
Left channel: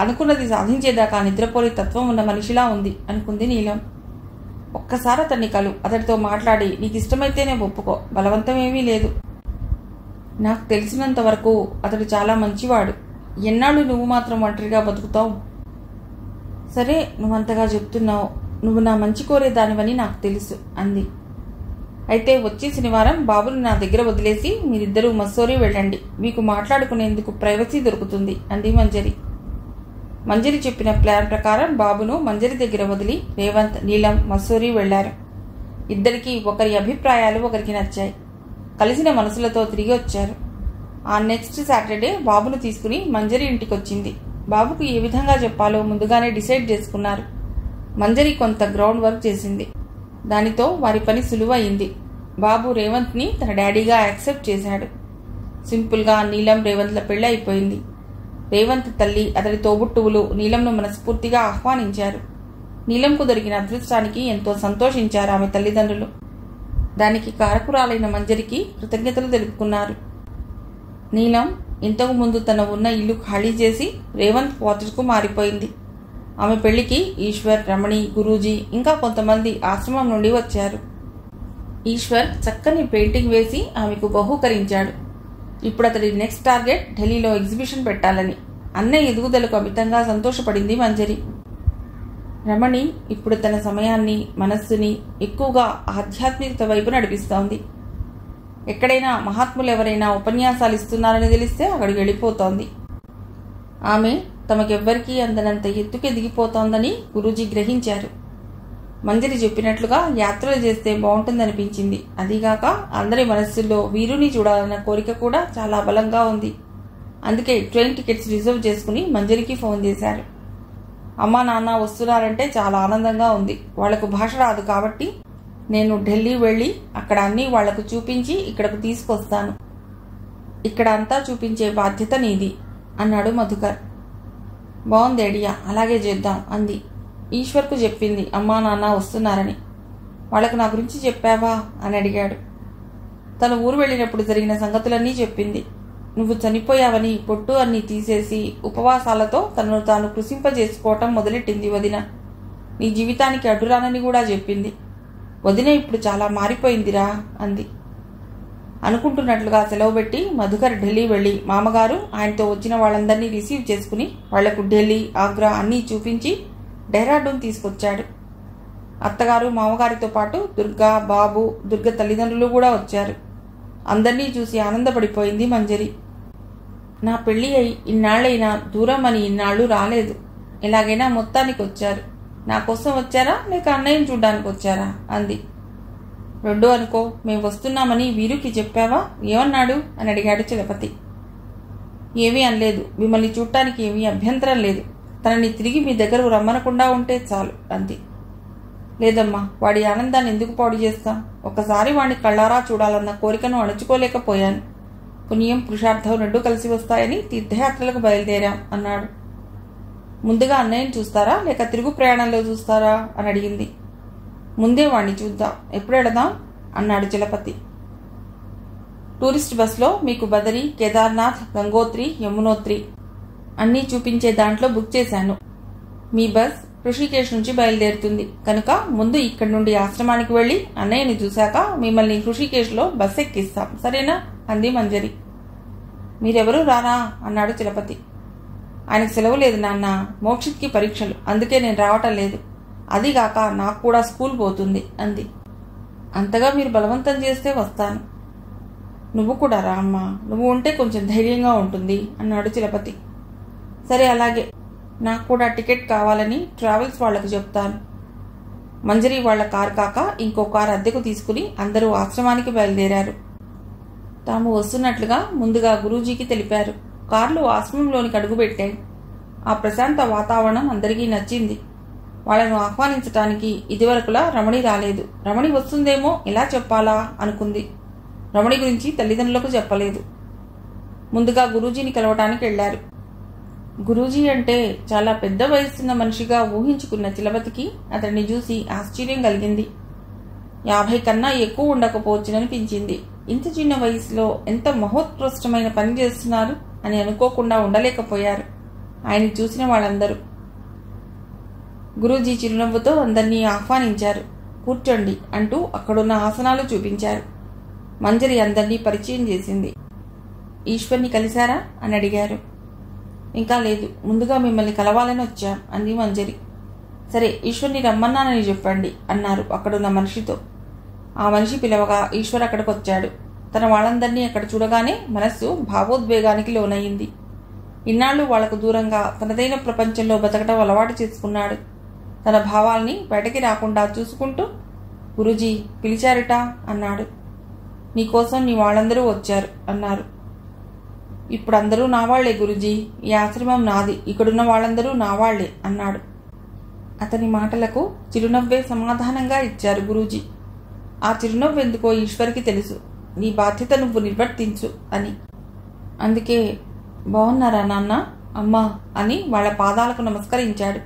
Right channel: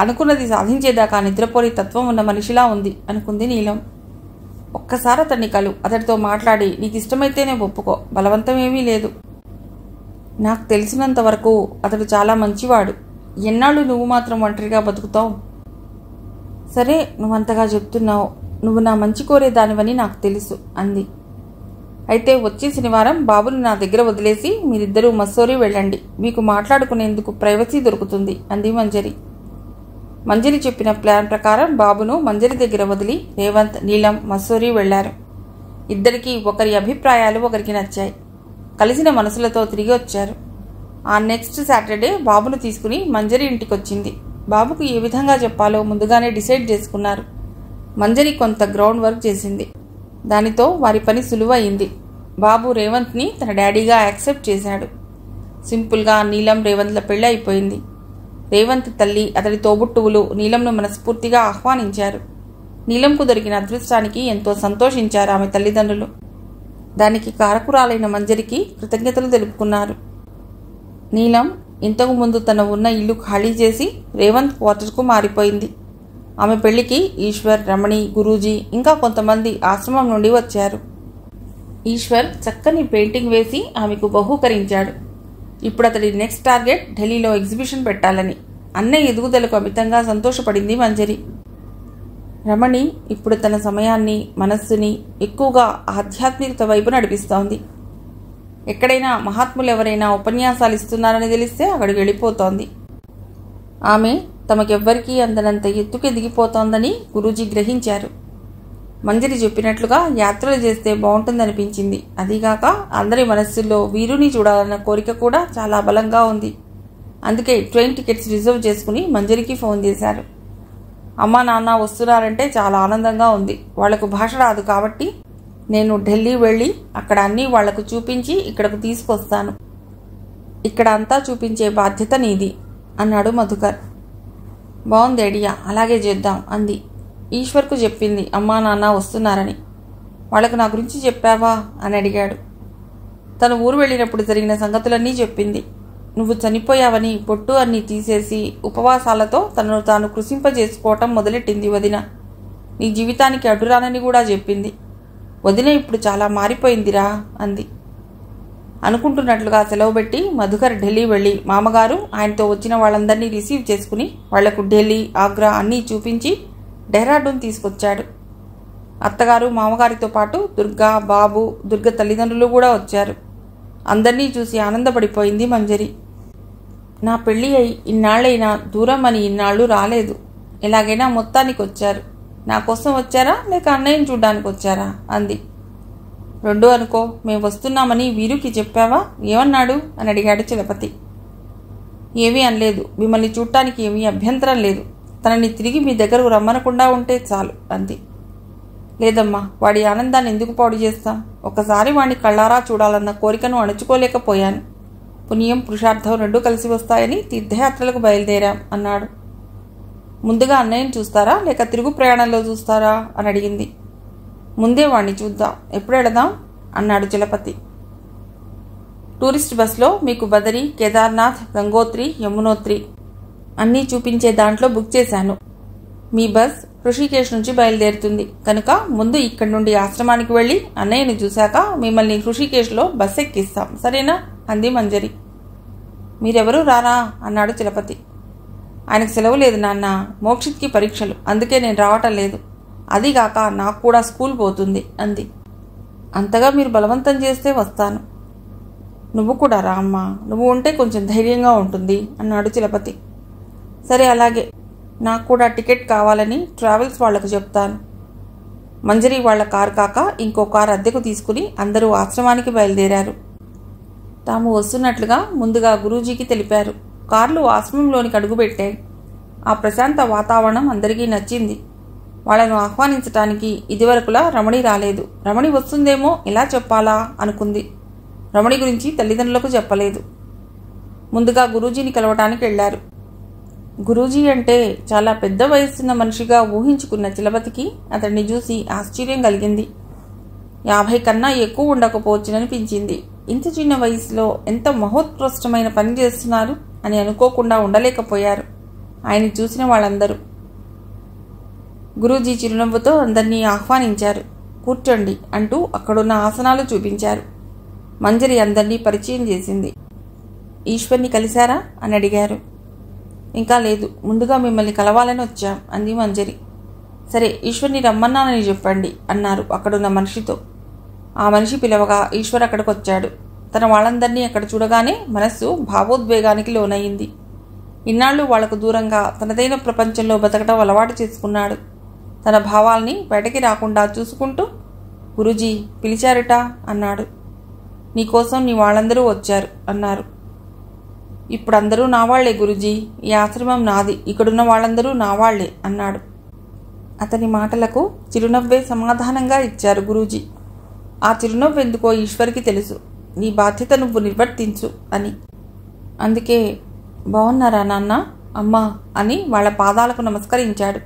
అనుకున్నది సాధించేదాకా నిద్రపోని తత్వం ఉన్న మనిషిలా ఉంది అనుకుంది నీలం. ఒక్కసారి అతన్ని కలు, అతడితో మాట్లాడి నీకు ఇష్టమైతేనే ఒప్పుకో, బలవంతమేమీ లేదు. నాకు తెలిసినంత వరకు అతడు చాలా మంచివాడు. ఎన్నాళ్ళు నువ్వు మాత్రం ఒంటరిగా బతుకుతావు? సరే, నువ్వంతగా చెప్తున్నావు. నువ్వు నా మంచి కోరేదానివని నాకు తెలుసు అంది. అయితే వచ్చే శనివారం బాబును నా దగ్గర వదిలేసి మీరిద్దరూ మస్సోరీ వెళ్ళండి. మీకు మాట్లాడుకునేందుకు ప్రైవసీ దొరుకుతుంది అంది మంజరి. మంజరి చెప్పిన ప్లాన్ ప్రకారం బాబును మంజరి దగ్గర వదిలి రేవంత్, నీలం మస్సోరీ వెళ్లారు. ఇద్దరికీ ఒకరి అభిప్రాయాలు ఒకరికి నచ్చాయి. కలిసిన మనసులతో తిరిగి వచ్చారు. ఆ నెక్స్ట్ సాటర్డే బాబును తీసుకుని మంజరి ఇంటికొచ్చింది. బాబుకు ఏ విధంగా చెప్పాలో ముందుగానే డిసైడ్ చేసుకున్నారు. మంజరి కొంత గ్రౌండ్ వర్క్ చేసింది. దానితో వారి పని సులువయింది. బాబు రేవంత్ని తన డాడీగా యాక్సెప్ట్ చేశాడు. సింపుల్గా నీలం రేవంత్ల పెళ్లి అయిపోయింది. రేవంత్ తల్లి, అతడి తోబుట్టువులు నీలంను మనస్ఫూర్తిగా ఆహ్వానించారు. నీలంకు దొరికిన అదృష్టానికి ఎంతో సంతోషించారు ఆమె తల్లిదండ్రులు. దానికి కారకురాలైన మంజరికి కృతజ్ఞతలు తెలుపుకున్నారు. నీలం ఇంతకు ముందు తన ఉన్న ఇల్లు ఖాళీ చేసి రేవంత్ క్వార్టర్స్కు మారిపోయింది. ఆమె పెళ్లికి ఈశ్వర్, రమణి, గురూజీ ఇంకా కొంతమంది ఆశ్రమం నుండి వచ్చారు. ఈశ్వర్ చక్కని పెయింటింగ్ వేసి ఆమెకు బహూకరించాడు. ఇప్పుడు అతడి నెక్స్ట్ టార్గెట్ ఢిల్లీలో ఎగ్జిబిషన్ పెట్టాలని. అన్నయ్య ఎదుగుదలకు అమితంగా సంతోషపడింది మంజరి. రమణి ఇప్పుడు తన సమయాన్ని, మనస్సుని ఎక్కువగా ఆధ్యాత్మికత వైపు నడిపిస్తోంది. ఎక్కడైనా మహాత్ములు ఎవరైనా ఉపన్యాసాలు ఇస్తున్నారని తెలిస్తే అక్కడికి వెళ్ళిపోతోంది. ఆమె తమకెవ్వరికీ అందనంత ఎత్తుకు ఎదిగిపోతోందని గురూజీ గ్రహించారు. మంజరి చెప్పినట్లుగా యాత్రలు చేస్తే బాగుంటుందనిపించింది. అదీగాక అందరి మనస్సుల్లో వీరుని చూడాలన్న కోరిక కూడా చాలా బలంగా ఉంది. అందుకే ట్రైన్ టికెట్స్ రిజర్వ్ చేసుకుని మంజరికి ఫోన్ చేశారు. అమ్మా నాన్న వస్తున్నారంటే చాలా ఆనందంగా ఉంది. వాళ్లకు భాష రాదు కాబట్టి నేను ఢిల్లీ వెళ్ళి అక్కడ అన్నీ వాళ్లకు చూపించి ఇక్కడకు తీసుకొస్తాను. ఇక్కడ అంతా చూపించే బాధ్యత నీది అన్నాడు మధుకర్. బాగుంది ఐడియా, అలాగే చేద్దాం అంది. ఈశ్వర్కు చెప్పింది అమ్మా నాన్న వస్తున్నారని. వాళ్లకు నా గురించి చెప్పావా అని అడిగాడు. తను ఊరు వెళ్ళినప్పుడు జరిగిన సంగతులన్నీ చెప్పింది. నువ్వు చనిపోయావని పొట్టు అన్నీ తీసేసి ఉపవాసాలతో తనను తాను కృషింపజేసుకోవటం మొదలెట్టింది వదిన. నీ జీవితానికి అడ్డురానని కూడా చెప్పింది. వదిన ఇప్పుడు చాలా మారిపోయిందిరా అంది. అనుకుంటున్నట్లుగా సెలవు పెట్టి మధుకర్ ఢిల్లీ వెళ్లి మామగారు ఆయనతో వచ్చిన వాళ్ళందరినీ రిసీవ్ చేసుకుని వాళ్లకు ఢిల్లీ, ఆగ్రా అన్నీ చూపించి డెహ్రాడూన్ తీసుకొచ్చాడు. అత్తగారు మామగారితో పాటు దుర్గా, బాబు, దుర్గ తల్లిదండ్రులు కూడా వచ్చారు. అందర్నీ చూసి ఆనందపడిపోయింది మంజరి. నా పెళ్లి అయి ఇన్నాళ్లైనా దూరం అని ఇన్నాళ్ళు రాలేదు. ఎలాగైనా మొత్తానికి వచ్చారు. నా కోసం వచ్చారా లేక అన్నయ్యని చూడ్డానికి వచ్చారా అంది. రెండూ అనుకో. మేము వస్తున్నామని వీరుకి చెప్పావా? ఏమన్నాడు అని అడిగాడు చలపతి. ఏమీ అనలేదు. మిమ్మల్ని చూడటానికి ఏమీ అభ్యంతరం లేదు. తనని తిరిగి మీ దగ్గరకు రమ్మనకుండా ఉంటే చాలు అంది. లేదమ్మా, వాడి ఆనందాన్ని ఎందుకు పాడు చేస్తాం? ఒకసారి వాడిని కళ్ళారా చూడాలన్న కోరికను అణుచుకోలేకపోయాను. పుణ్యం, పురుషార్థం రెండూ కలిసి వస్తాయని తీర్థయాత్రలకు బయలుదేరాం అన్నాడు. ముందుగా అన్నయ్యని చూస్తారా లేక తిరుగు ప్రయాణంలో చూస్తారా అని అడిగింది. ముందే వాణ్ణి చూద్దాం. ఎప్పుడు వెళదాం అన్నాడు చలపతి. టూరిస్ట్ బస్లో మీకు బదరి, కేదార్నాథ్, గంగోత్రి, యమునోత్రి అన్నీ చూపించే దాంట్లో బుక్ చేశాను. మీ బస్ ఋషికేశ్ నుంచి బయలుదేరుతుంది కనుక ముందు ఇక్కడి నుండి ఆశ్రమానికి వెళ్లి అన్నయ్యని చూశాక మిమ్మల్ని ఋషికేశ్లో బస్ ఎక్కిస్తాం, సరేనా అంది మంజరి. మీరెవరూ రారా అన్నాడు చలపతి. ఆయనకు సెలవు లేదు నాన్న, మోక్షిత్కి పరీక్షలు, అందుకే నేను రావటం లేదు. అదిగాక నాకు కూడా స్కూల్ పోతుంది అంది. అంతగా మీరు బలవంతం చేస్తే వస్తాను. నువ్వు కూడా రా అమ్మా, నువ్వు ఉంటే కొంచెం ధైర్యంగా ఉంటుంది అన్నాడు చలపతి. సరే అలాగే, నాకు కూడా టికెట్ కావాలని ట్రావెల్స్ వాళ్లకు చెప్తాను. మంజరి వాళ్ల కారు కాక ఇంకో కారు అద్దెకు తీసుకుని అందరూ ఆశ్రమానికి బయలుదేరారు. తాము వస్తున్నట్లుగా ముందుగా గురూజీకి తెలిపారు. కార్లు ఆశ్రమంలోనికి అడుగుపెట్టాయి. ఆ ప్రశాంత వాతావరణం అందరికీ నచ్చింది. వాళ్లను ఆహ్వానించటానికి ఇదివరకులా రమణి రాలేదు. రమణి వస్తుందేమో ఎలా చెప్పాలా అనుకుంది. రమణి గురించి తల్లిదండ్రులకు చెప్పలేదు. ముందుగా గురూజీని కలవటానికి వెళ్లారు. గురూజీ అంటే చాలా పెద్ద వయస్సున్న మనిషిగా ఊహించుకున్న చలపతికి అతన్ని చూసి ఆశ్చర్యం కలిగింది. 50 కన్నా ఎక్కువ ఉండకపోవచ్చుననిపించింది. ఇంత చిన్న వయసులో ఎంత మహోత్కృష్టమైన పని చేస్తున్నారు అని అనుకోకుండా ఉండలేకపోయారు ఆయన చూసిన వాళ్ళందరూ. గురూజీ చిరునవ్వుతో అందరినీ ఆహ్వానించారు. కూర్చోండి అంటూ అక్కడున్న ఆసనాలు చూపించారు. మంజరి అందరినీ పరిచయం చేసింది. ఈశ్వర్ని కలిశారా అని అడిగారు. ఇంకా లేదు, ముందుగా మిమ్మల్ని కలవాలని వచ్చాం అంది మంజరి. సరే, ఈశ్వర్ని రమ్మన్నానని చెప్పండి అన్నారు అక్కడున్న మనిషితో. ఆ మనిషి పిలవగా ఈశ్వర్ అక్కడికొచ్చాడు. తన వాళ్ళందరినీ అక్కడ చూడగానే మనస్సు భావోద్వేగానికి లోనయ్యింది. ఇన్నాళ్లు వాళ్లకు దూరంగా తనదైన ప్రపంచంలో బతకటం అలవాటు చేసుకున్నాడు. తన భావాల్ని బయటకి రాకుండా చూసుకుంటూ, గురూజీ పిలిచారుట అన్నాడు. నీకోసం నీ వాళ్ళందరూ వచ్చారు అన్నారు. ఇప్పుడందరూ నా వాళ్లే గురూజీ, ఈ ఆశ్రమం నాది, ఇక్కడున్న వాళ్ళందరూ నా వాళ్లే అన్నాడు. అతని మాటలకు చిరునవ్వే సమాధానంగా ఇచ్చారు గురూజీ. ఆ చిరునవ్వెందుకో ఈశ్వర్కి తెలుసు. నీ బాధ్యత నువ్వు నిర్వర్తించు అని. అందుకే బాగున్నారా నాన్న, అమ్మా అని వాళ్ల పాదాలకు నమస్కరించాడు.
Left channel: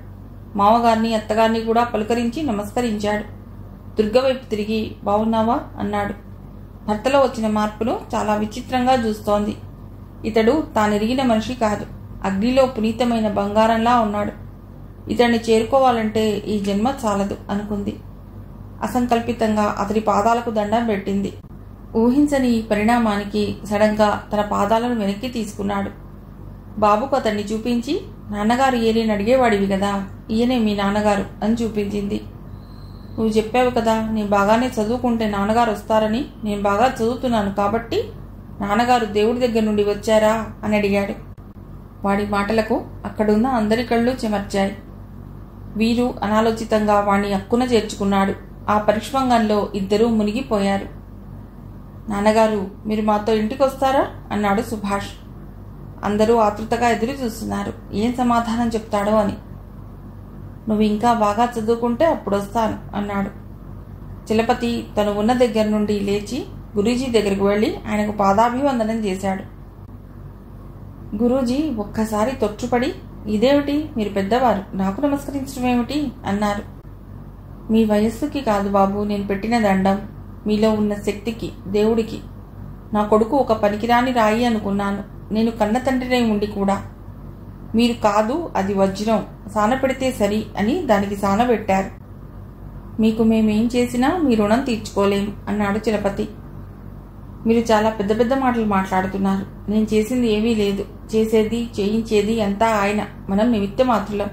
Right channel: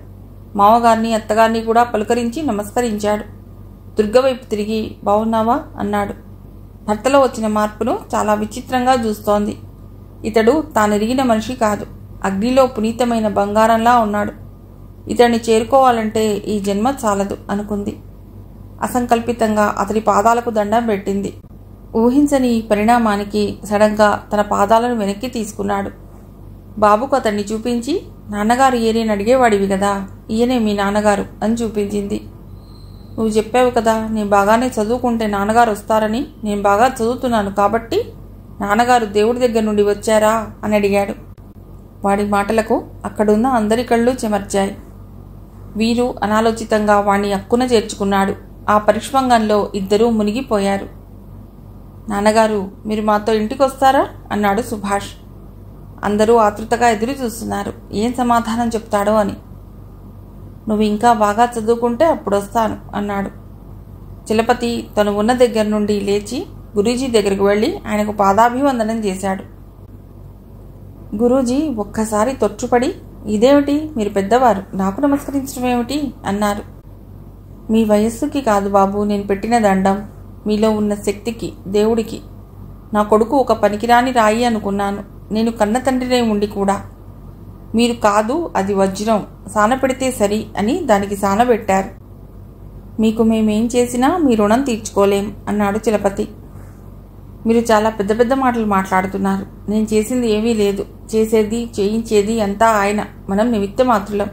మామగారిని అత్తగారిని కూడా పలుకరించి నమస్కరించాడు. దుర్గవైపు తిరిగి బాగున్నావా అన్నాడు. భర్తలో వచ్చిన మార్పును చాలా విచిత్రంగా చూస్తోంది. ఇతడు తానెరిగిన మనిషి కాదు, అగ్నిలో పునీతమైన బంగారంలా ఉన్నాడు. ఇతన్ని చేరుకోవాలంటే ఈ జన్మ చాలదు అనుకుంది. అసంకల్పితంగా అతడి పాదాలకు దండం పెట్టింది. ఊహించని ఈ పరిణామానికి సడన్గా తన పాదాలను వెనక్కి తీసుకున్నాడు. బాబుకు అతన్ని చూపించి, నాన్నగారు ఈయనని అడిగేవాడివి కదా, ఈయనే మీ నాన్నగారు అని చూపించింది. నువ్వు చెప్పావు కదా, నేను బాగానే చదువుకుంటే నాన్నగారు వస్తారని. నేను బాగా చదువుతున్నాను కాబట్టి నాన్నగారు దేవుడి దగ్గర నుండి వచ్చారా అని అడిగాడు. వాడి మాటలకు అక్కడున్న అందరి కళ్ళు చెమర్చాయి. వీరు అనాలోచితంగా వాణ్ణి అక్కున చేర్చుకున్నాడు. ఆ పరిష్వంగంలో ఇద్దరూ మునిగిపోయారు. నాన్నగారు, మీరు మాతో ఇంటికొస్తారా అన్నాడు సుభాష్. అందరూ ఆతృతగా ఎదురు చూస్తున్నారు, ఏం సమాధానం చెప్తాడో అని. నువ్వు ఇంకా బాగా చదువుకుంటే అప్పుడొస్తాను అన్నాడు. చలపతి తను ఉన్న దగ్గర నుండి లేచి గురూజీ దగ్గరకు వెళ్లి ఆయనకు పాదాభివందనం చేశాడు. గురూజీ ఒక్కసారి తొచ్చుపడి, ఇదేమిటి, మీరు పెద్దవారు, నాకు నమస్కరించడం ఏమిటి అన్నారు. మీ వయస్సుకి కాదు బాబు నేను పెట్టిన దండం, మీలో ఉన్న శక్తికి, దేవుడికి. నా కొడుకు ఒక పనికిరాని రాయి అనుకున్నాను. నేను కన్న తండ్రినై ఉండి కూడా. మీరు కాదు, అది వజ్రం, సానపెడితే సరి అని దానికి సానబెట్టారు. మీకు మేమేం చేసినా మీ రుణం తీర్చుకోలేం అన్నాడు చలపతి. మీరు చాలా పెద్ద పెద్ద మాటలు మాట్లాడుతున్నారు. నేను చేసింది ఏమీ లేదు. చేసేది చేయించేది అంతా ఆయన, మనం నిమిత్త మాత్రులం.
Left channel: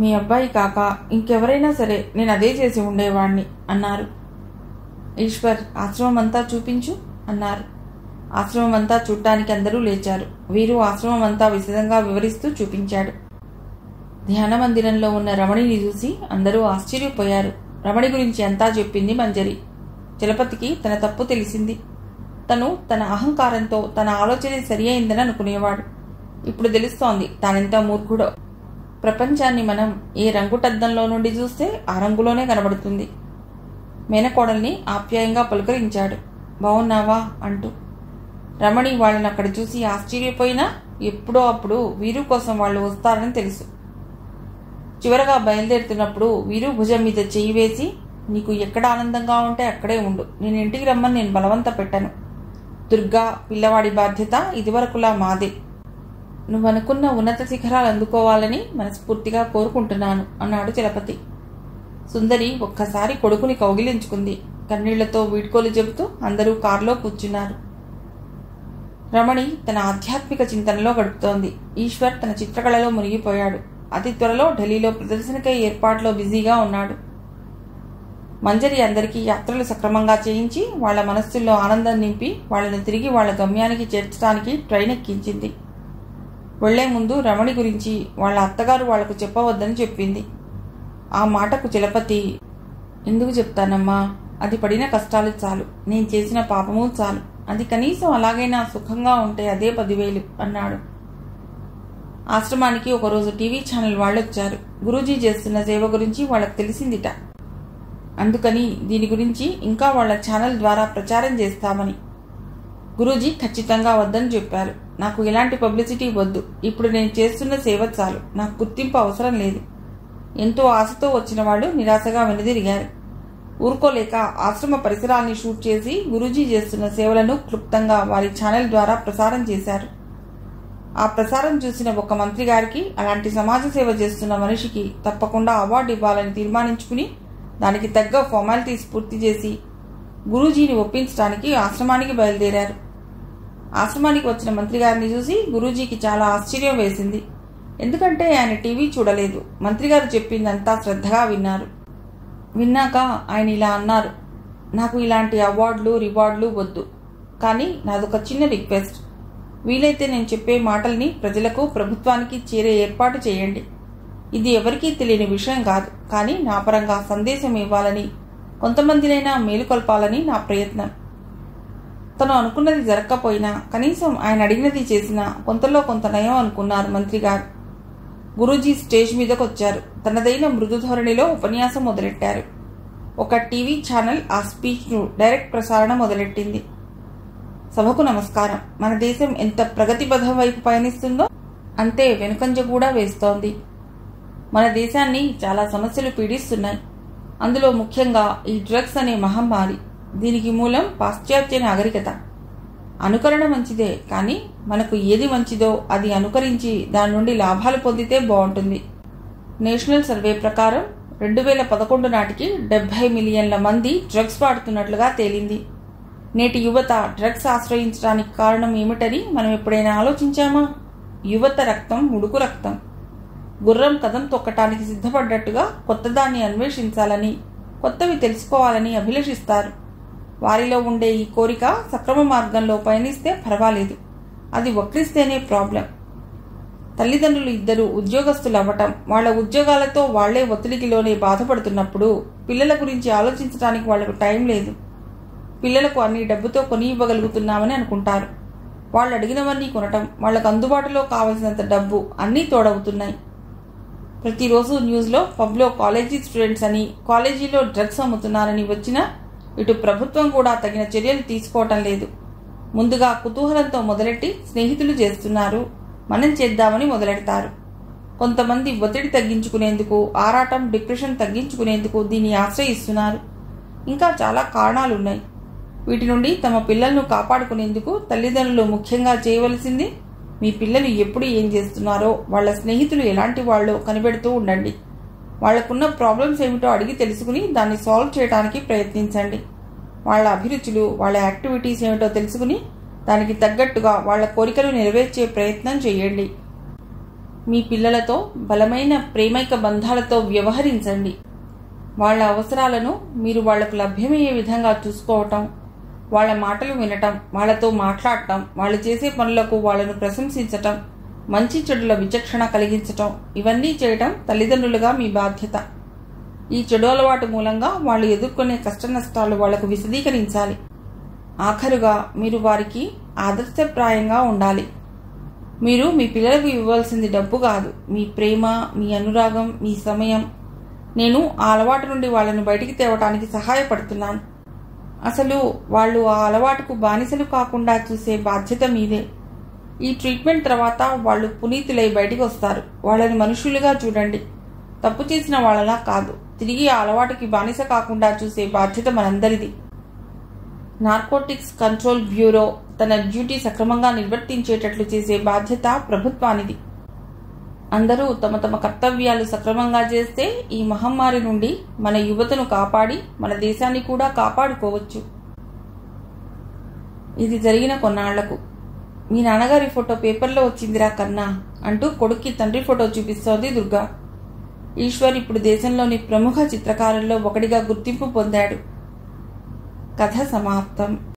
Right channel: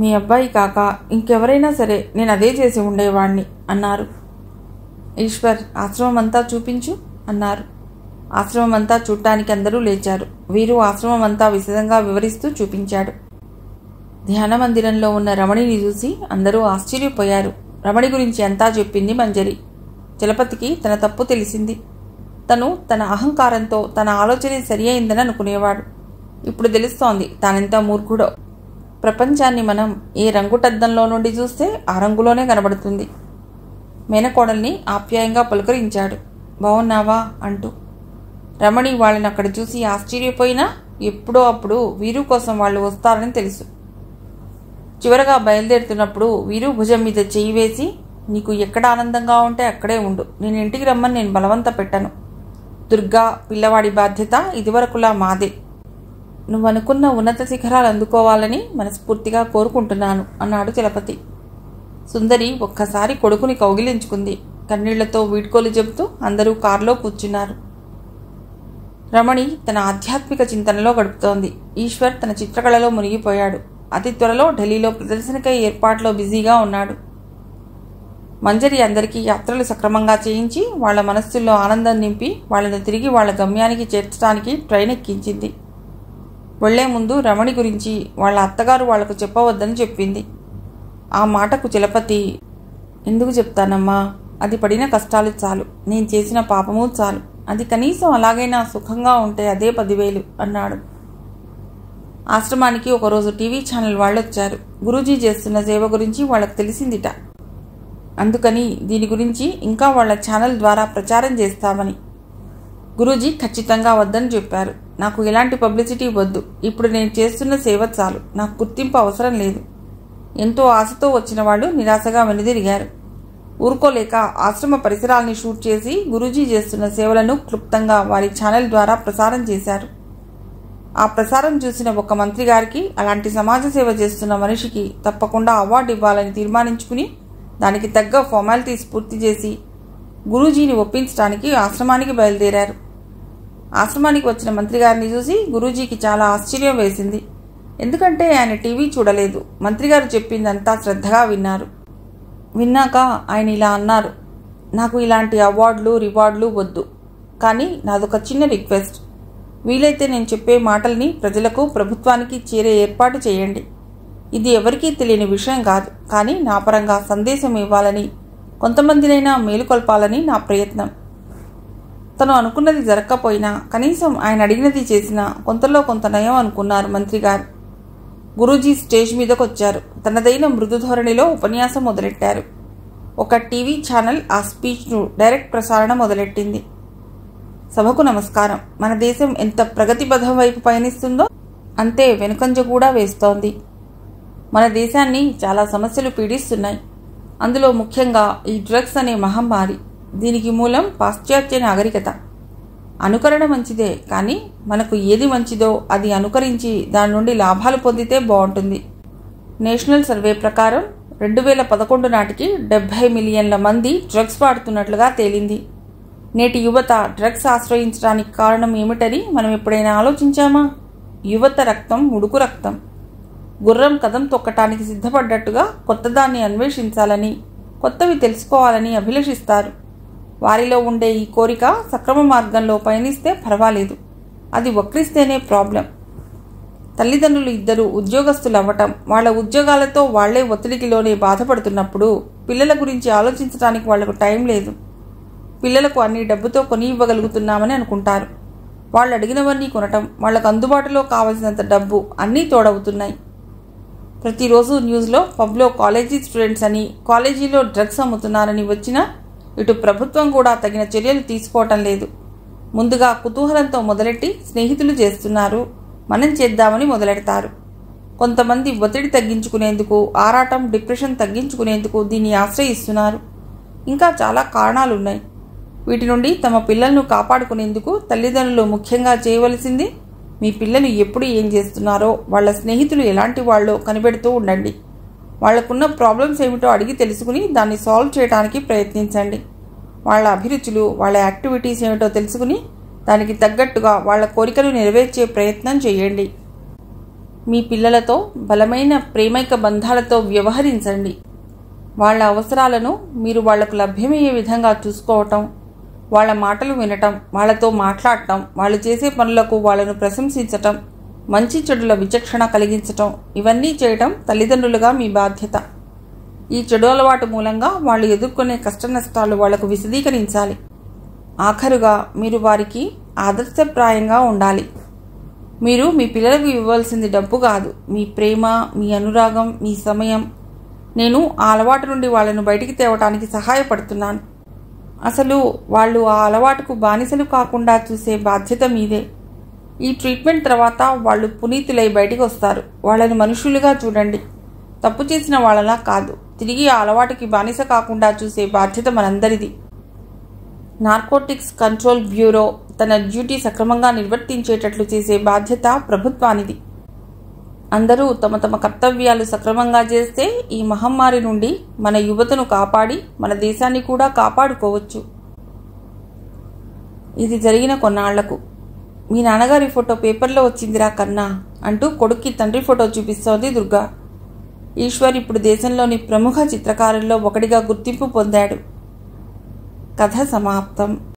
మీ అబ్బాయి కాక ఇంకెవరైనా సరే నేను అదే చేసి ఉండేవాణ్ణి అన్నారు. ఈశ్వర్, ఆశ్రమం అంతా చూపించు అన్నారు. ఆశ్రమం అంతా చూడ్డానికి అందరూ లేచారు. వీరు ఆశ్రమం అంతా విశదంగా వివరిస్తూ చూపించాడు. ధ్యాన మందిరంలో ఉన్న రమణిని చూసి అందరూ ఆశ్చర్యపోయారు. రమణి గురించి అంతా చెప్పింది మంజరి. చలపతికి తన తప్పు తెలిసింది. తను తన అహంకారంతో తన ఆలోచనే సరి అయిందని అనుకునేవాడు. ఇప్పుడు తెలుస్తోంది తానెంత మూర్ఖుడో. ప్రపంచాన్ని మనం ఏ రంగుటద్దంలో నుండి చూస్తే ఆ రంగులోనే కనబడుతుంది. మేనకోడల్ని ఆప్యాయంగా పలుకరించాడు. బావున్నావా అంటూ. రమణి వాళ్ళని అక్కడ చూసి ఆశ్చర్యపోయినా ఎప్పుడో అప్పుడు వీరు కోసం వాళ్ళు వస్తారని తెలుసు. చివరగా బయలుదేరుతున్నప్పుడు వీరు భుజం మీద చెయ్యి వేసి, నీకు ఎక్కడ ఆనందంగా ఉంటే అక్కడే ఉండు, నేను ఇంటికి రమ్మని నేను బలవంత పెట్టను. దుర్గా, పిల్లవాడి బాధ్యత ఇదివరకులా మాదే. నువ్వనుకున్న ఉన్నత శిఖరాలు అందుకోవాలని మనస్ఫూర్తిగా కోరుకుంటున్నాను అన్నాడు చలపతి. సుందరి ఒక్కసారి కొడుకుని కౌగిలించుకుంది. కన్నీళ్లతో వీడ్కోలు చెబుతూ అందరూ కారులో కూర్చున్నారు. రమణి తన ఆధ్యాత్మిక చింతనలో గడుపుతోంది. ఈశ్వర్ తన చిత్రకళలో మునిగిపోయాడు. అతి త్వరలో ఢిల్లీలో ప్రదర్శనకై ఏర్పాట్లో బిజీగా ఉన్నాడు. మంజరి అందరికీ యాత్రలు సక్రమంగా చేయించి వాళ్ల మనస్సుల్లో ఆనందం నింపి వాళ్లను తిరిగి వాళ్ల గమ్యానికి చేర్చడానికి ట్రైన్ ఎక్కించింది. వెళ్లే ముందు రమణి గురించి వాళ్ల అత్తగారు వాళ్లకు చెప్పవద్దని చెప్పింది. ఆ మాటకు చలపతి, ఎందుకు చెప్తానమ్మా, అది పడిన కష్టాలు చాలు, నేను చేసిన పాపము చాలు, అది కనీసం అలాగైనా సుఖంగా ఉంటే అదే 10,000 అన్నాడు. ఆశ్రమానికి ఒకరోజు టీవీ ఛానల్ వాళ్ళొచ్చారు. గురూజీ చేస్తున్న సేవ గురించి వాళ్లకు తెలిసిందిట. అందుకని దీని గురించి ఇంకా వాళ్ల ఛానల్ ద్వారా ప్రచారం చేస్తామని. గురూజీ ఖచ్చితంగా వద్దని చెప్పారు. నాకు ఎలాంటి పబ్లిసిటీ వద్దు, ఇప్పుడు నేను చేస్తున్న సేవ చాలు, నాకు గుర్తింపు అవసరం లేదు. ఎంతో ఆశతో వచ్చిన వాళ్ళు నిరాశగా వెనుదిరిగారు. ఊరుకోలేక ఆశ్రమ పరిసరాల్ని షూట్ చేసి గురూజీ చేస్తున్న సేవలను క్లుప్తంగా వారి ఛానల్ ద్వారా ప్రసారం చేశారు. ఆ ప్రసారం చూసిన ఒక మంత్రి గారికి అలాంటి సమాజ సేవ చేస్తున్న మనిషికి తప్పకుండా అవార్డు ఇవ్వాలని తీర్మానించుకుని దానికి తగ్గ ఫార్మాలిటీస్ పూర్తి చేసి గురూజీని ఒప్పించడానికి ఆశ్రమానికి బయలుదేరారు. ఆశ్రమానికి వచ్చిన మంత్రి గారిని చూసి గురూజీకి చాలా ఆశ్చర్యం వేసింది. ఎందుకంటే ఆయన టీవీ చూడలేదు. మంత్రిగారు చెప్పిందంతా శ్రద్ధగా విన్నారు. విన్నాక ఆయన ఇలా అన్నారు, నాకు ఇలాంటి అవార్డులు రివార్డులు వద్దు, కానీ నాదొక చిన్న రిక్వెస్ట్. వీలైతే నేను చెప్పే మాటల్ని ప్రజలకు ప్రభుత్వానికి చేరే ఏర్పాటు చేయండి. ఇది ఎవరికీ తెలియని విషయం కాదు, కానీ నా పరంగా సందేశం ఇవ్వాలని, కొంతమందినైనా మేలుకొల్పాలని నా ప్రయత్నం. తను అనుకున్నది జరగకపోయినా కనీసం ఆయన అడిగినది చేసినా కొంతలో కొంత నయం అనుకున్నారు మంత్రిగారు. గురూజీ స్టేజ్ మీదకొచ్చారు. తనదైన మృదు ధోరణిలో ఉపన్యాసం మొదలెట్టారు. ఒక టీవీ ఛానల్ ఆ స్పీచ్ను డైరెక్ట్ ప్రసారణ మొదలెట్టింది. సభకు నమస్కారం. మన దేశం ఎంత ప్రగతిపథం వైపు పయనిస్తుందో అంతే వెనుకంజ కూడా వేస్తోంది. మన దేశాన్ని చాలా సమస్యలు పీడిస్తున్నాయి. అందులో ముఖ్యంగా ఈ డ్రగ్స్ అనే మహమ్మారి. దీనికి మూలం పాశ్చాత్య నాగరికత. అనుకరణ మంచిదే, కానీ మనకు ఏది మంచిదో అది అనుకరించి దాని నుండి లాభాలు పొందితే బాగుంటుంది. నేషనల్ సర్వే ప్రకారం 2011 నాటికి 70 మిలియన్ల మంది డ్రగ్స్ వాడుతున్నట్లుగా తేలింది. నేటి యువత డ్రగ్స్ ఆశ్రయించడానికి కారణం ఏమిటని మనం ఎప్పుడైనా ఆలోచించామా? యువత రక్తం ఉడుకు రక్తం. గుర్రం కదం తొక్కటానికి సిద్ధపడ్డట్టుగా కొత్తదాన్ని అన్వేషించాలని, కొత్తవి తెలుసుకోవాలని అభిలషిస్తారు. వారిలో ఉండే ఈ కోరిక సక్రమ మార్గంలో పయనిస్తే పర్వాలేదు, అది వక్రిస్తేనే ప్రాబ్లం. తల్లిదండ్రులు ఇద్దరు ఉద్యోగస్తులు అవ్వటం, వాళ్ల ఉద్యోగాలతో వాళ్లే ఒత్తిడికిలోనే బాధపడుతున్నప్పుడు పిల్లల గురించి ఆలోచించడానికి వాళ్లకు టైం లేదు. పిల్లలకు అన్ని డబ్బుతో కొని ఇవ్వగలుగుతున్నామని అనుకుంటారు. వాళ్ళు అడిగినవన్నీ కొనటం, వాళ్లకు అందుబాటులో కావలసినంత డబ్బు అన్నీ తోడవుతున్నాయి. ప్రతిరోజు న్యూస్లో పబ్లో కాలేజీ స్టూడెంట్స్ అని, కాలేజీలో డ్రగ్స్ అమ్ముతున్నారని వచ్చినా ఇటు ప్రభుత్వం కూడా తగిన చర్యలు తీసుకోవటం లేదు. ముందుగా కుతూహలంతో మొదలెట్టి స్నేహితులు చేస్తున్నారు, మనం చేద్దామని మొదలెడతారు. కొంతమంది ఒత్తిడి తగ్గించుకునేందుకు, ఆరాటం డిప్రెషన్ తగ్గించుకునేందుకు దీన్ని ఆశ్రయిస్తున్నారు. ఇంకా చాలా కారణాలున్నాయి. వీటి నుండి తమ పిల్లలను కాపాడుకునేందుకు తల్లిదండ్రులు ముఖ్యంగా చేయవలసింది, మీ పిల్లలు ఎప్పుడు ఏం చేస్తున్నారో, వాళ్ల స్నేహితులు ఎలాంటి వాళ్ళో కనిపెడుతూ ఉండండి. వాళ్లకున్న ప్రాబ్లమ్స్ ఏమిటో అడిగి తెలుసుకుని దాన్ని సాల్వ్ చేయడానికి ప్రయత్నించండి. వాళ్ల అభిరుచులు, వాళ్ల యాక్టివిటీస్ ఏమిటో తెలుసుకుని దానికి తగ్గట్టుగా వాళ్ల కోరికలు నెరవేర్చే ప్రయత్నం చేయండి. మీ పిల్లలతో బలమైన ప్రేమైక బంధాలతో వ్యవహరించండి. వాళ్ల అవసరాలను మీరు వాళ్లకు లభ్యమయ్యే విధంగా చూసుకోవటం, వాళ్ల మాటలు వినటం, వాళ్లతో మాట్లాడటం, వాళ్ళు చేసే పనులకు వాళ్లను ప్రశంసించటం, మంచి చెడుల విచక్షణ కలిగించటం, ఇవన్నీ చేయటం తల్లిదండ్రులుగా మీ బాధ్యత. ఈ చెడు అలవాటు మూలంగా వాళ్ళు ఎదుర్కొనే కష్ట నష్టాలు వాళ్లకు విశదీకరించాలి. ఆఖరుగా మీరు వారికి ఆదర్శప్రాయంగా ఉండాలి. మీరు మీ పిల్లలకు ఇవ్వాల్సింది డబ్బు కాదు, మీ ప్రేమ, మీ అనురాగం, మీ సమయం. నేను ఆ అలవాటు నుండి వాళ్లను బయటికి తేవటానికి సహాయపడుతున్నాను. అసలు వాళ్ళు ఆ అలవాటుకు బానిసలు కాకుండా చూసే బాధ్యత మీదే. ఈ ట్రీట్మెంట్ తర్వాత వాళ్ళు పునీతులై బయటికి వస్తారు. వాళ్ళని మనుషులుగా చూడండి, తప్పు చేసిన వాళ్ళలా కాదు. తిరిగి ఆ అలవాటుకి బానిస కాకుండా చూసే బాధ్యత మనందరిది. నార్కోటిక్స్ కంట్రోల్ బ్యూరో తన డ్యూటీ సక్రమంగా నిర్వర్తించేటట్లు చేసే బాధ్యత ప్రభుత్వానిది. అందరూ తమ తమ కర్తవ్యాలు సక్రమంగా చేస్తే ఈ మహమ్మారి నుండి మన యువతను కాపాడి మన దేశాన్ని కూడా కాపాడుకోవచ్చు. ఇది జరిగిన కొన్నాళ్లకు మీ నాన్నగారి ఫోటో పేపర్లో వచ్చిందిరా కన్నా అంటూ కొడుక్కి తండ్రి ఫోటో చూపిస్తోంది దుర్గా. ఈశ్వర్ ఇప్పుడు దేశంలోని ప్రముఖ చిత్రకారుల్లో ఒకటిగా గుర్తింపు పొందాడు. కథ సమాప్తం.